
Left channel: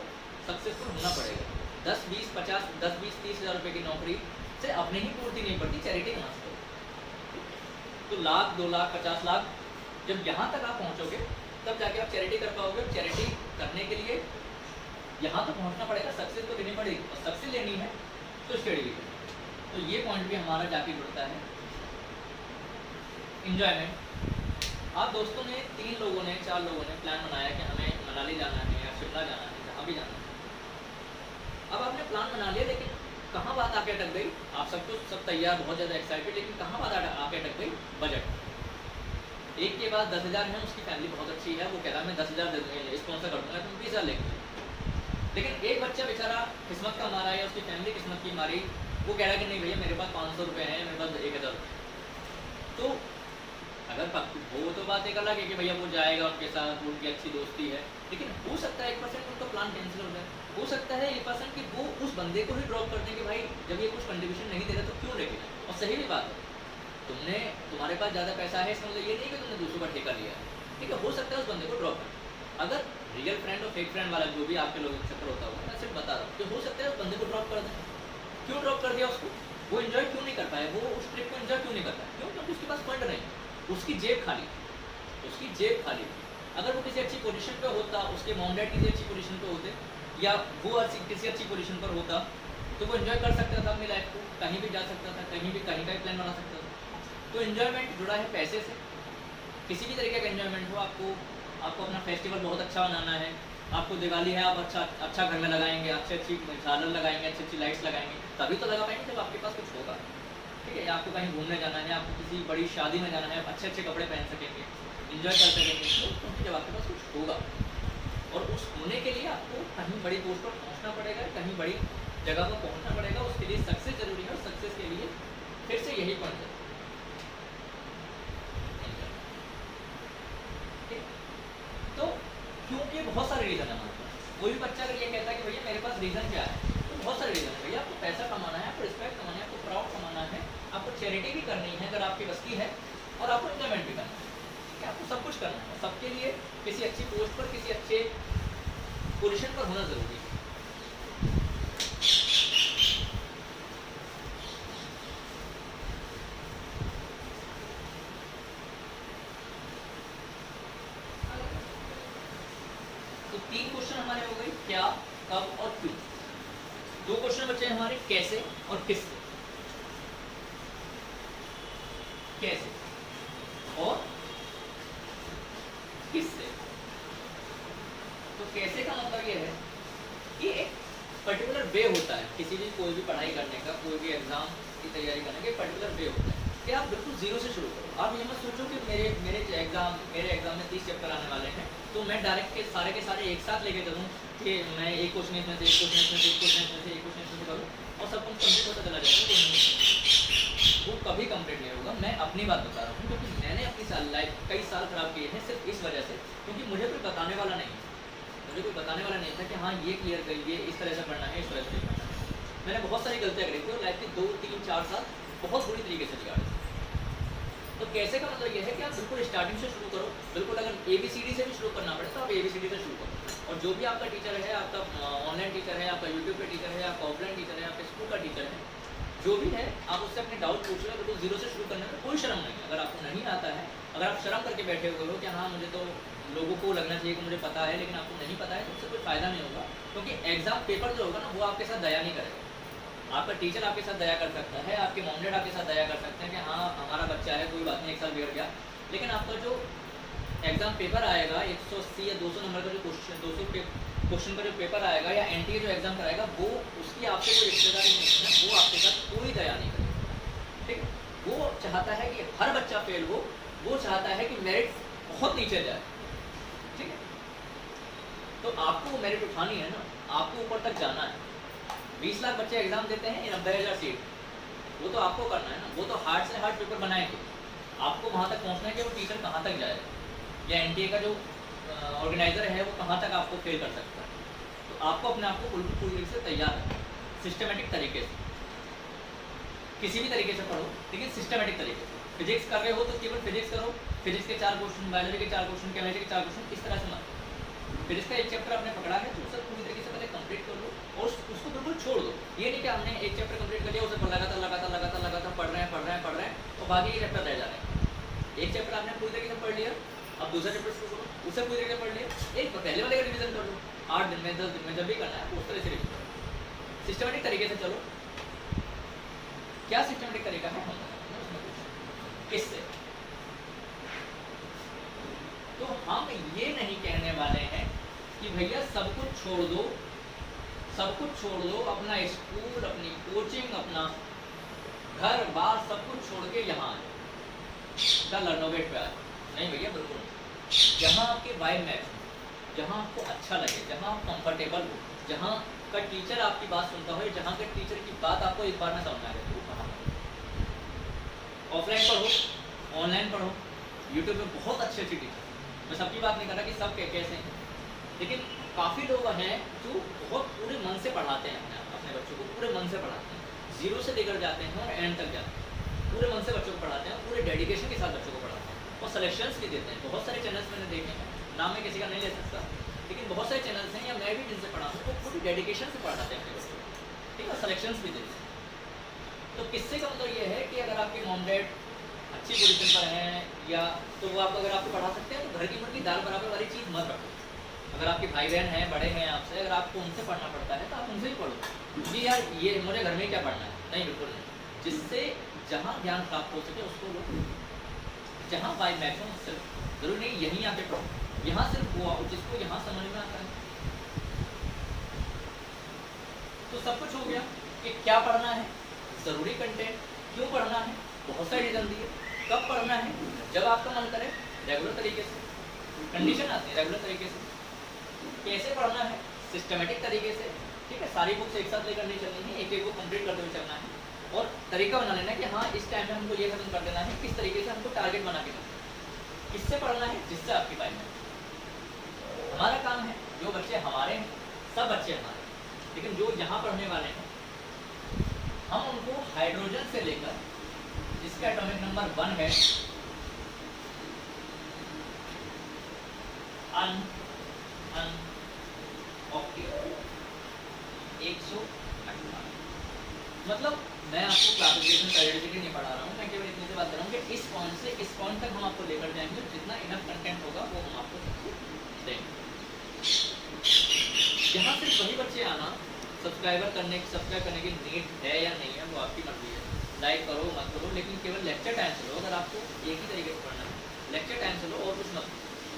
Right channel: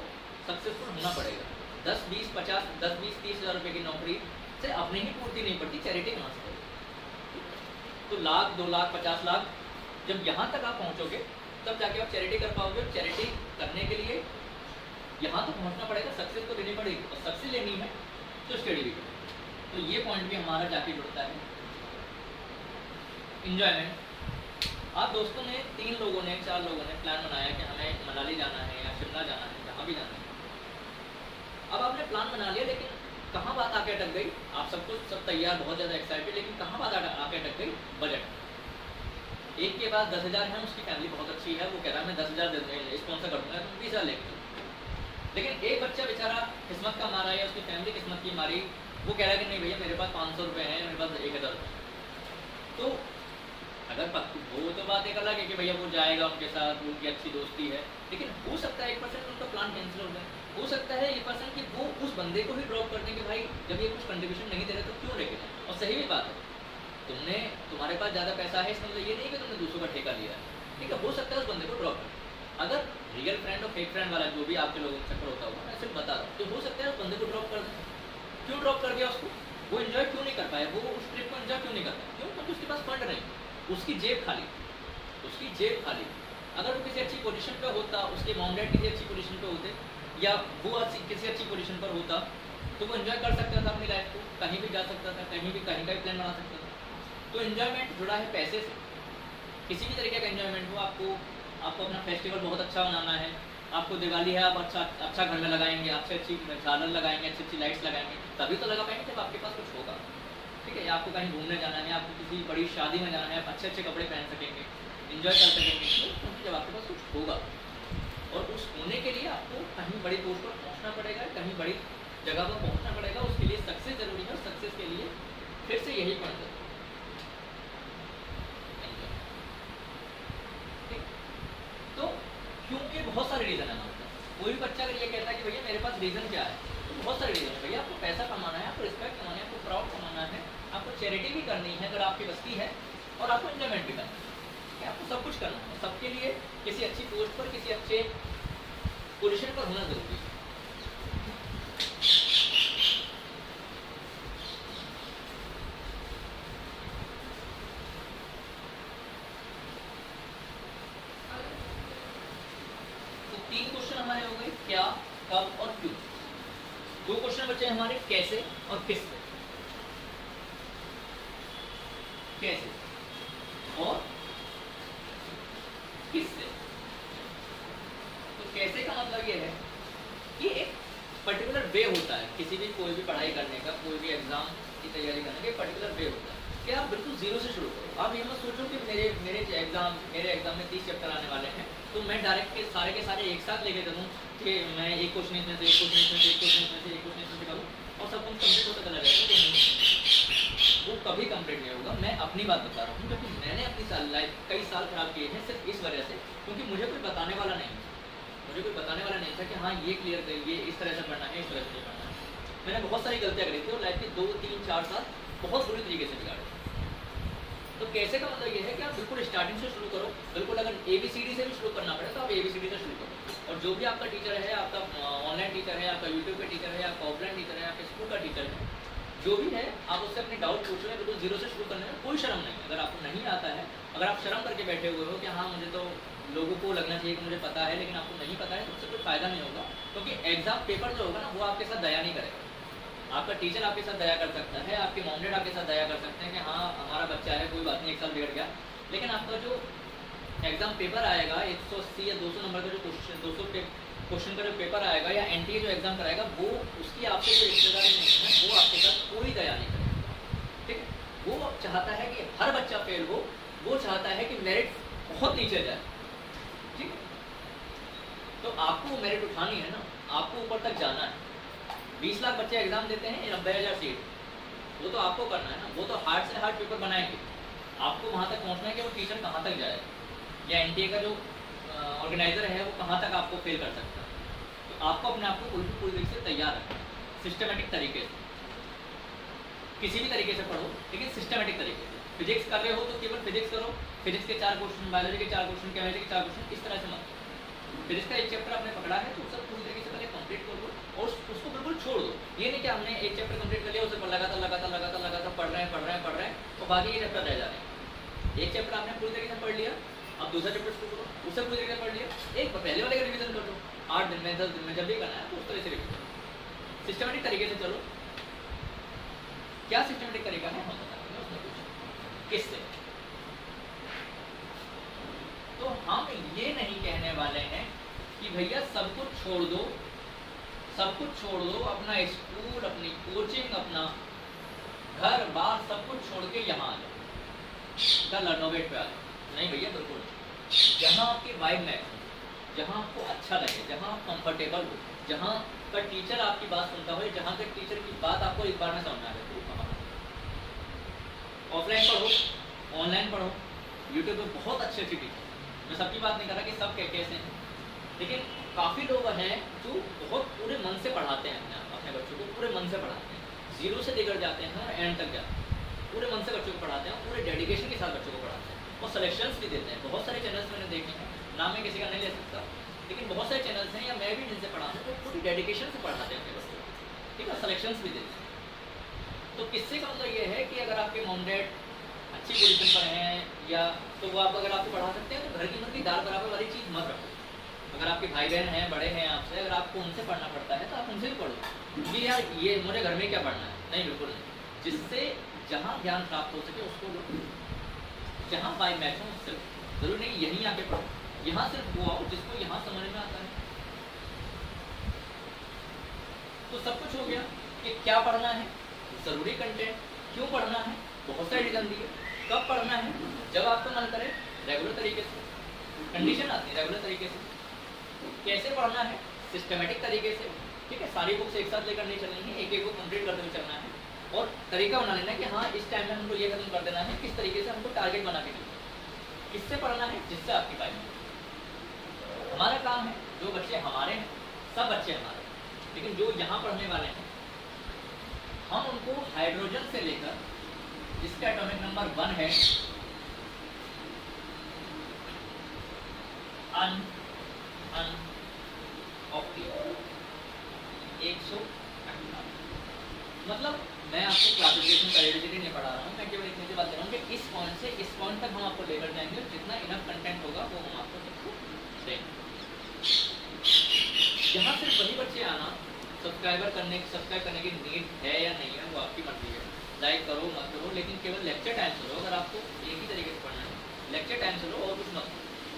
सक्सेसफुल होना पड़ेगा। 10, 20, 50, 10, 20, 30 हज़ार रुपये की नौकरी से अपने ही पूर्ति नहीं पड़ती, चैरिटी कहाँ से करो। तो लाख, 2 लाख, 50 लाख जब यहाँ तक आप पहुँचोगे तब जाके आप चैरिटी कर पाओगे। चैरिटी करने के लिए यहाँ तो पहुँचना पड़ेगा, सक्सेस तो लेनी पड़ेगी, और सक्सेस लेनी है तो स्टडी भी करें। तो ये पॉइंट भी हमारा जाके जुड़ता है। इंजॉयमेंट। आप दोस्तों ने 3 लोगों ने 4 लोगों ने प्लान बनाया कि हमें मनाली जाना है या शिमला जाना है, जहाँ भी जाना है। अब आपने प्लान बना लिया, लेकिन कहाँ बात आके अटक गई? आप सब कुछ सब तैयार, बहुत ज़्यादा एक्साइटेड, लेकिन कहाँ बात आके अटक गई? बजट। एक के पास 10,000 है, उसकी फैमिली बहुत अच्छी है, वो कह रहा है मैं 10,000 दे दूँगा, स्पॉन्सर कर दूँगा, तुम 20,000 लेंगे। लेकिन एक बच्चा बेचारा किस्मत का मारा है, उसकी फैमिली किस्मत की मारी, वो कह रहा है कि नहीं भैया मेरे पास 500 रुपये हैं, मेरे पास 1,000। तो अगर वो तो बात एक अलग है कि भैया वो जाएगा उनके साथ, उनकी अच्छी दोस्ती है, लेकिन हो सकता है 1% उनका प्लान कैंसिल हो जाए। हो सकता है 1% कि वो उस बंदे को ही ड्रॉप कर दें कि भाई जब ये कुछ कंट्रीब्यूशन नहीं दे रहे तो क्यों लेके जाए। और सही भी बात है, तुम्हारे पास ज़्यादा पैसा है, इसका मतलब ये नहीं कि तुमने दूसरों का ठेका लिया है, ठीक है। हो सकता है उस बंदे को ड्रॉप कर। अगर रियल फ्रेंड और फेक फ्रेंड वाला जो भी आपके लोगों का चक्कर होता होगा, मैं सिर्फ बता रहा हूँ कि हो सकता है उस बंदे को ड्रॉप कर दें। क्यों ड्रॉप कर दिया उसको? वो इन्जॉय क्यों नहीं कर पाए, वो उस ट्रिप को इन्जॉय क्यों नहीं कर पाए? क्यों? क्योंकि उसके पास फंड नहीं, उसकी जेब खाली, उसकी जेब खाली। अगर वो किसी अच्छी पोजीशन पे होता, उसके मॉम डैड किसी अच्छी पोजीशन पे होते, या वो किसी अच्छी पोजीशन पर होता, तो वो एंजॉय कर सकता था अपनी लाइफ को, कहीं भी जा सकता था, कहीं का ही प्लान बना सकता था। तो एंजॉयमेंट जुड़ा है पैसे से। किसी भी तरीके का एंजॉयमेंट हो, आपको अपना फेस्टिवल बहुत अच्छा बनाना है, आपको दिवाली है, आप अच्छा घर में लगाएंगे, अच्छी झालर लगाएंगे, अच्छी लाइट्स लगाएंगे, तभी तो लगा पाएंगे जब आपके पास कुछ होगा, ठीक है। या आपको कहीं घूमने जाना है, आपको किसी बड़ी शादी में जाना है, आप अच्छे कपड़े पहन सकेंगे, इंजॉय कर सकेंगे, क्योंकि जब आपके पास कुछ होगा। और उस होने के लिए आपको कहीं बड़ी पोस्ट पर पहुंचना पड़ेगा, कहीं बड़ी जगह पर पहुंचना पड़ेगा, उसके लिए सक्सेस जरूरी है। और सक्सेस के लिए फिर से यही पॉइंट है, तो क्योंकि बहुत सारे रीज़न है हमारे पास। कोई भी बच्चा अगर ये कहता है कि भैया मेरे पास रीज़न क्या है, तो बहुत सारे रीज़न है। भैया आपको पैसा कमाना है, आपको रिस्पेक्ट कमाना है, आपको प्राउड कमाना है, आपको चैरिटी भी करनी है अगर आपकी बस की है, और आपको एंजॉयमेंट भी करना है, ठीक है। आपको सब कुछ करना है, और सबके लिए किसी अच्छी पोस्ट पर, किसी अच्छे पोजीशन पर होना ज़रूरी है। तो 3 क्वेश्चन हमारे हो गए, क्या, कब और क्यों। 2 क्वेश्चन बचे हमारे, कैसे और किससे। कैसे और किससे। तो कैसे का मतलब ये है कि एक पर्टिकुलर वे होता है किसी भी कोई भी पढ़ाई करने का, कोई भी एग्जाम की तैयारी करने का पर्टिकुलर वे होता है कि आप बिल्कुल जीरो से शुरू करो। आप ये मत सोचो कि मेरे एग्जाम में 30 चैप्टर आने वाले हैं तो मैं डायरेक्ट के सारे एक साथ लेके चलूँ कि मैं एक क्वेश्चन इसमें से, एक क्वेश्चन इसमें से, एक क्वेश्चन इसमें से, एक क्वेश्चन इसमें से करूँ और सब कुछ कंप्लीट होता चला जाएगा। वो कभी कंप्लीट नहीं होगा। मैं अपनी बात बता रहा हूँ क्योंकि मैंने अपनी लाइफ कई साल खराब किए हैं सिर्फ इस वजह से क्योंकि मुझे कोई बताने वाला नहीं था। मुझे कोई बताने वाला नहीं था कि हाँ ये क्लियर करिए, इस तरह से पढ़ना है, इस तरह से नहीं पढ़ना है। मैंने बहुत सारी गलतियाँ करी थी और लाइफ के 2, 3, 4 साल बहुत बुरी तरीके से बिगाड़े। तो कैसे का मतलब ये है कि आप बिल्कुल स्टार्टिंग से शुरू करो। बिल्कुल अगर ABCD से भी शुरू करना पड़े तो आप ABCD से शुरू करो। और जो भी आपका टीचर है, आपका ऑनलाइन टीचर है, आपका यूट्यूब पे टीचर है, आपका ऑफलाइन टीचर है, आपके स्कूल का टीचर है, जो भी है आप उससे अपने डाउट पूछ रहे हैं। बिल्कुल जीरो से शुरू करने में कोई शर्म नहीं है। अगर आपको नहीं आता है, अगर आप शर्म करके बैठे हुए हो कि हाँ मुझे तो लोगों को लगना चाहिए कि मुझे पता है, लेकिन आपको नहीं पता है तो उससे कोई फ़ायदा नहीं होगा। क्योंकि एग्जाम पेपर जो होगा ना वो आपके साथ दया नहीं करेगा। आपका टीचर आपके साथ दया कर सकता है, आपके मॉम डैड आपके साथ दया कर सकते हैं कि हाँ हमारा बच्चा है, कोई बात नहीं, एक साल बिगड़ गया। लेकिन आपका जो एग्जाम पेपर आएगा 180 या 200 नंबर का जो क्वेश्चन का जो पेपर आएगा या NTA जो एग्जाम कराएगा वो उसकी आपसे कोई रिश्तेदारी नहीं है, वो आपके साथ कोई दया नहीं करेगा। ठीक है, वो चाहता है कि हर बच्चा फेल हो, वो चाहता है कि मेरिट बहुत नीचे जाए। ठीक है, तो आपको मेरिट उठानी है ना, आपको ऊपर तक जाना है। 20 लाख बच्चे एग्जाम देते हैं, 90,000 सीट, वो तो आपको करना है ना। वो तो हार्ड से हार्ड पेपर बनाएंगे, आपको वहाँ तक पहुँचना है कि वो टीचर कहाँ तक जाए या NTA का जो ऑर्गेनाइजर है वो कहाँ तक आपको फेल कर सकता है। तो आपको अपने आप को पूरी तरीके से तैयार रखना है, सिस्टमेटिक तरीके से, किसी भी तरीके से पढ़ो लेकिन सिस्टमेटिक तरीके से। फिजिक्स कर रहे हो तो केवल फिजिक्स करो, फिजिक्स के 4 क्वेश्चन, बायोलॉजी के 4 क्वेश्चन, केमिस्ट्री के 4 क्वेश्चन, इस तरह से मत। फिजिक्स का एक चैप्टर आपने पकड़ा है तो सब पूरी तरीके से पहले कंप्लीट कर लो और उसको बिल्कुल छोड़ दो। ये नहीं कि हमने एक चैप्टर कंप्लीट कर लिया, उसे लगातार पढ़ रहे हैं और बाकी ये चैप्टर रह जा रहे हैं। एक चैप्टर आपने पूरी तरीके से पढ़ लिया, अब दूसरा चैप्टर शुरू करो, उसे पूरी तरीके से पढ़ लिया, एक पहले वाले का रिवीजन कर लो। 8 दिन में 10 दिन में जब भी करना है तो उस तरह से रिवीजन करो, सिस्टमेटिक तरीके से चलो। क्या सिस्टमेटिक तरीका है हम बताएंगे किससे। तो हम ये नहीं कहने वाले हैं कि भैया सब कुछ छोड़ दो, अपना स्कूल, अपनी कोचिंग, अपना घर बार सब कुछ छोड़ के यहाँ आ जाओ, लर्नोवेट पे आ जाओ। नहीं भैया, बिल्कुल नहीं। जहाँ आपकी वाइब मैच हो, जहाँ आपको अच्छा लगे, जहाँ आप कंफर्टेबल हो, जहाँ का टीचर आपकी बात सुनता हो, जहाँ के टीचर की बात आपको एक बार में समझ आ जाए, वो कहाँ ऑफलाइन पढ़ो, ऑनलाइन पढ़ो, यूट्यूब पे बहुत अच्छे टीचर। मैं सबकी बात नहीं कर रहा कि सब कैसे हैं, लेकिन काफ़ी लोग हैं जो बहुत पूरे मन से पढ़ाते हैं अपने बच्चों को, पूरे मन से पढ़ाते हैं, जीरो से लेकर जाते हैं और एंड तक जाते हैं। पूरे मन से बच्चों को पढ़ाते हैं, पूरे डेडिकेशन के साथ बच्चों को पढ़ाते हैं और सिलेक्शंस भी देते हैं। बहुत सारे चैनल्स मैंने देखे हैं, नाम मैं किसी का नहीं ले सकता, लेकिन बहुत सारे चैनल्स हैं या मैं भी जिनसे पढ़ा हूँ वो पूरी डेडिकेशन से पढ़ाते हैं अपने बच्चों को। ठीक है, सिलेक्शंस भी देते हैं। तो किससे का मतलब ये है कि अगर आपके मॉम डैड अच्छी पोजीशन पर हैं या तो वो आप अगर आपको पढ़ा सकते हैं तो घर की मुर्गी दाल बराबर वाली चीज़ मत रखो। अगर आपके भाई बहन हैं, बड़े हैं आपसे, अगर आपको उनसे पढ़ना पड़ता है तो आप उनसे ही पढ़ो जी यार, ये मुझे घर में क्या पढ़ना है, नहीं बिल्कुल नहीं। जिससे जहाँ ज्ञान प्राप्त हो सके उसको लो, जहाँ वाइब मैच हो उससे। जरूरी नहीं यहीं आके पढ़ो, यहाँ सिर्फ वो जिसको यहाँ समझ में आता है। तो सब कुछ हो गया कि क्या पढ़ना है, ज़रूरी कंटेंट, क्यों पढ़ना है, बहुत सारे रीजन दिए, कब पढ़ना है, जब आपका मन करे, रेगुलर तरीके से, कंडीशन आती है रेगुलर तरीके से, कैसे पढ़ना है, सिस्टमेटिक तरीके से। ठीक है, सारी बुक्स एक साथ लेकर नहीं चलनी है, एक एक को कंप्लीट करते हुए चलना है और तरीका बना लेना है कि हाँ इस टाइम में हमको ये खत्म कर देना है, किस तरीके से हमको टारगेट बना के चलना है। किससे पढ़ना है, जिससे आपकी वाइब में। हमारा काम है, जो बच्चे हमारे हैं, सब बच्चे हमारे, लेकिन जो यहाँ पढ़ने वाले हैं हम उनको हाइड्रोजन से लेकर जिसका एटॉमिक नंबर 1 है ऑक्टेट 158, मतलब मैं आपको क्लासिफिकेशन पीरियोडिसिटी नहीं पढ़ा रहा हूँ, मैं केवल इतनी सी बात कर रहा हूँ कि इस पॉइंट से इस पॉइंट तक हम आपको लेकर जाएंगे, जितना इनफ कंटेंट होगा वो हम आपको सबको देंगे। यहाँ सिर्फ वही बच्चे आना, सब्सक्राइब करने की नीड है या नहीं है वो आपकी मर्जी है, लाइक करो मत करो, लेकिन केवल लेक्चर टाइम से लो। अगर आपको एक ही तरीके से पढ़ना है, लेक्चर टाइम से लो और कुछ मत,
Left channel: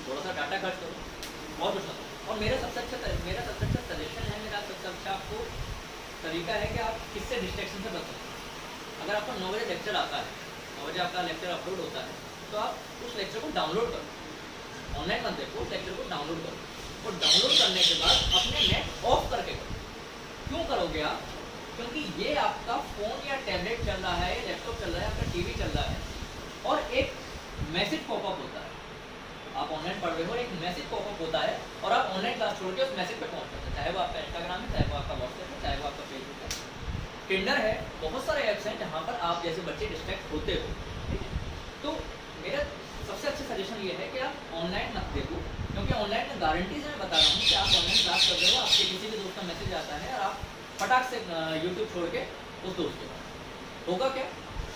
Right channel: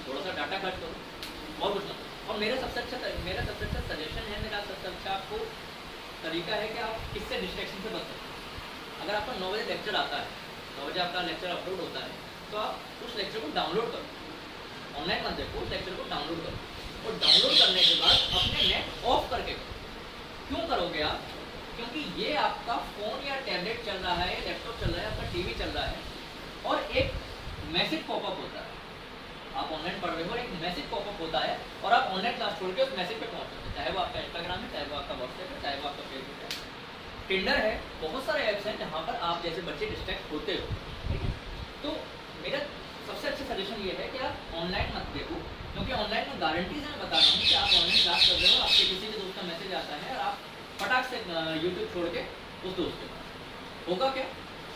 थोड़ा सा डाटा खर्च करो और कुछ मत। और मेरा सबसे अच्छा सजेशन है, मेरा सबसे अच्छा आपको तरीका है कि आप किससे डिस्ट्रैक्शन से बच सकते हैं। अगर आपका 9 बजे लेक्चर आता है, 9 बजे आपका लेक्चर अपलोड होता है, तो आप उस लेक्चर को डाउनलोड करो, ऑनलाइन मत देखो, उस लेक्चर को डाउनलोड करो और डाउनलोड करने के बाद अपने नेट ऑफ करके करो। क्यों करोगे आप? क्योंकि ये आपका फ़ोन या टैबलेट चल रहा है, लैपटॉप चल रहा है, आपका टीवी चल रहा है और एक मैसेज पॉपअप होता है, आप ऑनलाइन पढ़ रहे हो, एक मैसेज पॉपअप होता है और आप ऑनलाइन क्लास छोड़ के उस मैसेज पे पहुंच सकते हैं, चाहे वो आपका इंस्टाग्राम है, चाहे वो आपका व्हाट्सएप है, चाहे वो आपका फेसबुक है, टिंडर है, बहुत सारे ऐप्स हैं जहाँ पर आप जैसे बच्चे डिस्ट्रैक्ट होते हो। ठीक है, तो मेरा सबसे अच्छा सजेशन ये है कि आप ऑनलाइन मत देखो, क्योंकि ऑनलाइन में गारंटी से मैं बता रहा हूँ कि आप ऑनलाइन क्लास कर रहे हो, आपके किसी के दोस्त का मैसेज आता है और आप फटाक से यूट्यूब छोड़ के उस दोस्त के पास होगा क्या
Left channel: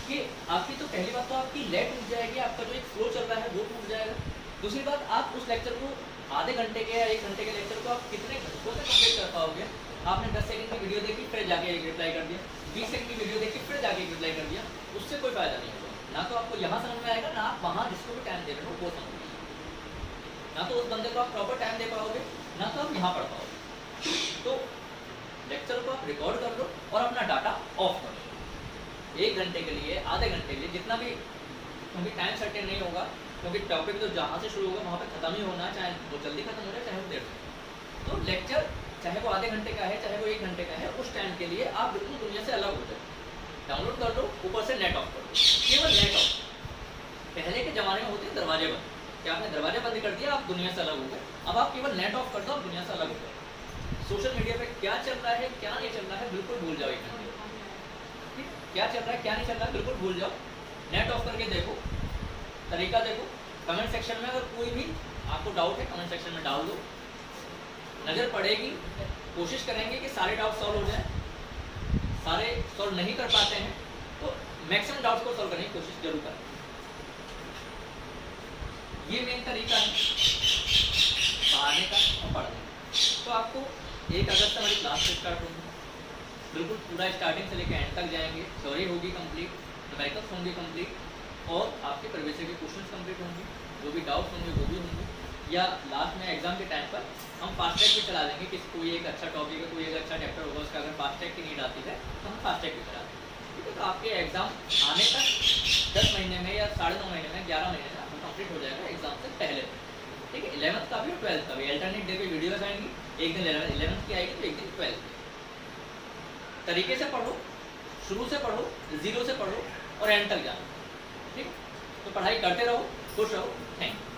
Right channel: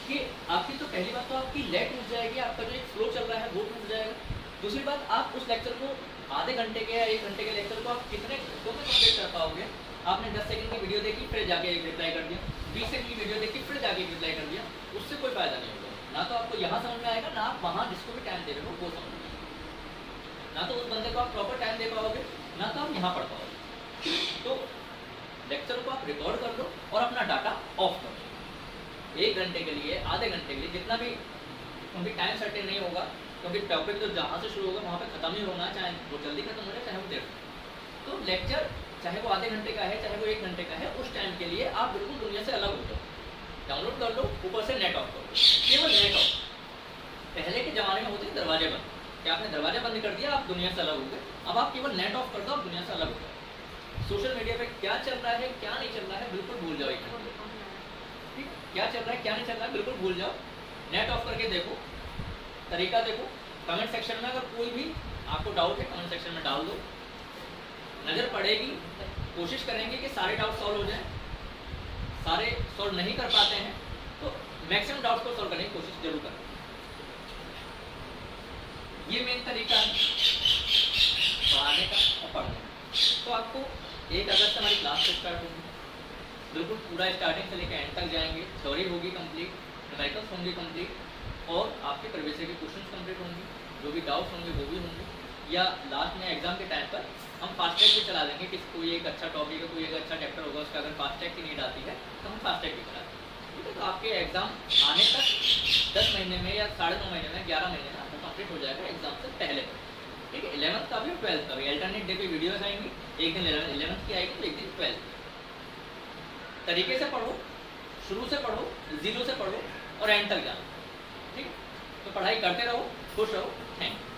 कि आपकी तो पहली बात तो आपकी लेट टूट जाएगी, आपका जो एक फ्लो चल रहा है वो टूट जाएगा। दूसरी बात, आप उस लेक्चर को आधे घंटे के या 1 घंटे के लेक्चर को आप कितने घंटों में कंप्लीट कर पाओगे? आपने 10 सेकंड की वीडियो देखी, फिर जाके एक रिप्लाई कर दिया, 20 सेकंड की वीडियो देखी, फिर जाके एक रिप्लाई कर दिया, उससे कोई फायदा नहीं होगा। ना तो आपको यहाँ समझ में आएगा, ना आप वहाँ जिसको भी टाइम दे रहे हो वो समझ में आएगा, ना तो उस बंदे को आप प्रॉपर टाइम दे पाओगे, ना तो आप यहाँ पढ़ पाओगे। तो लेक्चर को आप रिकॉर्ड कर लो और अपना डाटा ऑफ कर लो 1 घंटे के लिए, आधे घंटे के लिए, जितना भी, क्योंकि टाइम सर्टेन नहीं होगा, क्योंकि टॉपिक तो जहाँ से शुरू होगा वहाँ पे खत्म ही होना, चाहे वो जल्दी खत्म हो जाए चाहे वो देर से। तो लेक्चर चाहे वो आधे घंटे का है, चाहे वो 1 घंटे का है, उस टाइम के लिए आप बिल्कुल दुनिया से अलग हो जाओ, डाउनलोड कर लो, ऊपर से नेट ऑफ करो, केवल नेट ऑफ। पहले के ज़माने में होते हैं दरवाजे बंद, कि आपने दरवाजा बंद कर दिया, आप दुनिया से अलग हो गए। अब आप केवल नेट ऑफ कर दो, आप दुनिया से अलग हो गए। सोशल मीडिया पे क्या चल रहा है, क्या नहीं चल रहा है, बिल्कुल भूल जाओ। 1 घंटे ठीक, क्या चल रहा है, क्या नहीं चल रहा है, बिल्कुल भूल जाओ। नेट ऑफ करके देखो, तरीका देखो। कमेंट सेक्शन में अगर कोई भी आपको डाउट है, कमेंट सेक्शन में डाल दो, नज़र पड़ेगी, कोशिश करेंगे कि सारे डाउट सॉल्व हो जाए। सारे सॉल्व नहीं कर पाते हैं तो मैक्सिमम डाउट्स को सॉल्व करने की कोशिश जरूर करें। ये मेन तरीका है पढ़ाने का और पढ़ने का। तो आपको 1 अगस्त से हमारी क्लास स्टार्ट होगी, बिल्कुल पूरा स्टार्टिंग से लेकर एंड तक जाएंगे। थ्योरी होगी कंप्लीट, न्यूमेरिकल्स होंगे कंप्लीट और आपके प्रीवियस ईयर के क्वेश्चंस कंप्लीट होंगे, जो भी डाउट्स होंगे वो भी होंगे। या लास्ट में एग्जाम के टाइम पर हम फास्ट ट्रैक भी चला देंगे कि कोई एक अच्छा टॉपिक है, कोई एक अच्छा चैप्टर होगा, उसका अगर फास्ट ट्रैक की नीड आती है तो हम फास्ट ट्रैक भी चला देंगे। ठीक है, तो आपके एग्जाम आने तक 10 महीने में या 9.5 महीने में, 11 महीने में आपको कंप्लीट हो जाएगा एग्जाम से पहले। ठीक है, 11th का भी और 12th का भी अल्टरनेट डे पे वीडियोस आएंगी, एक दिन 11th की आएगी तो एक दिन 12th की। तरीके से पढ़ो, शुरू से पढ़ो, जीरो से पढ़ो और एंड तक जाओ। ठीक, तो पढ़ाई करते रहो, खुश रहो। Thank you.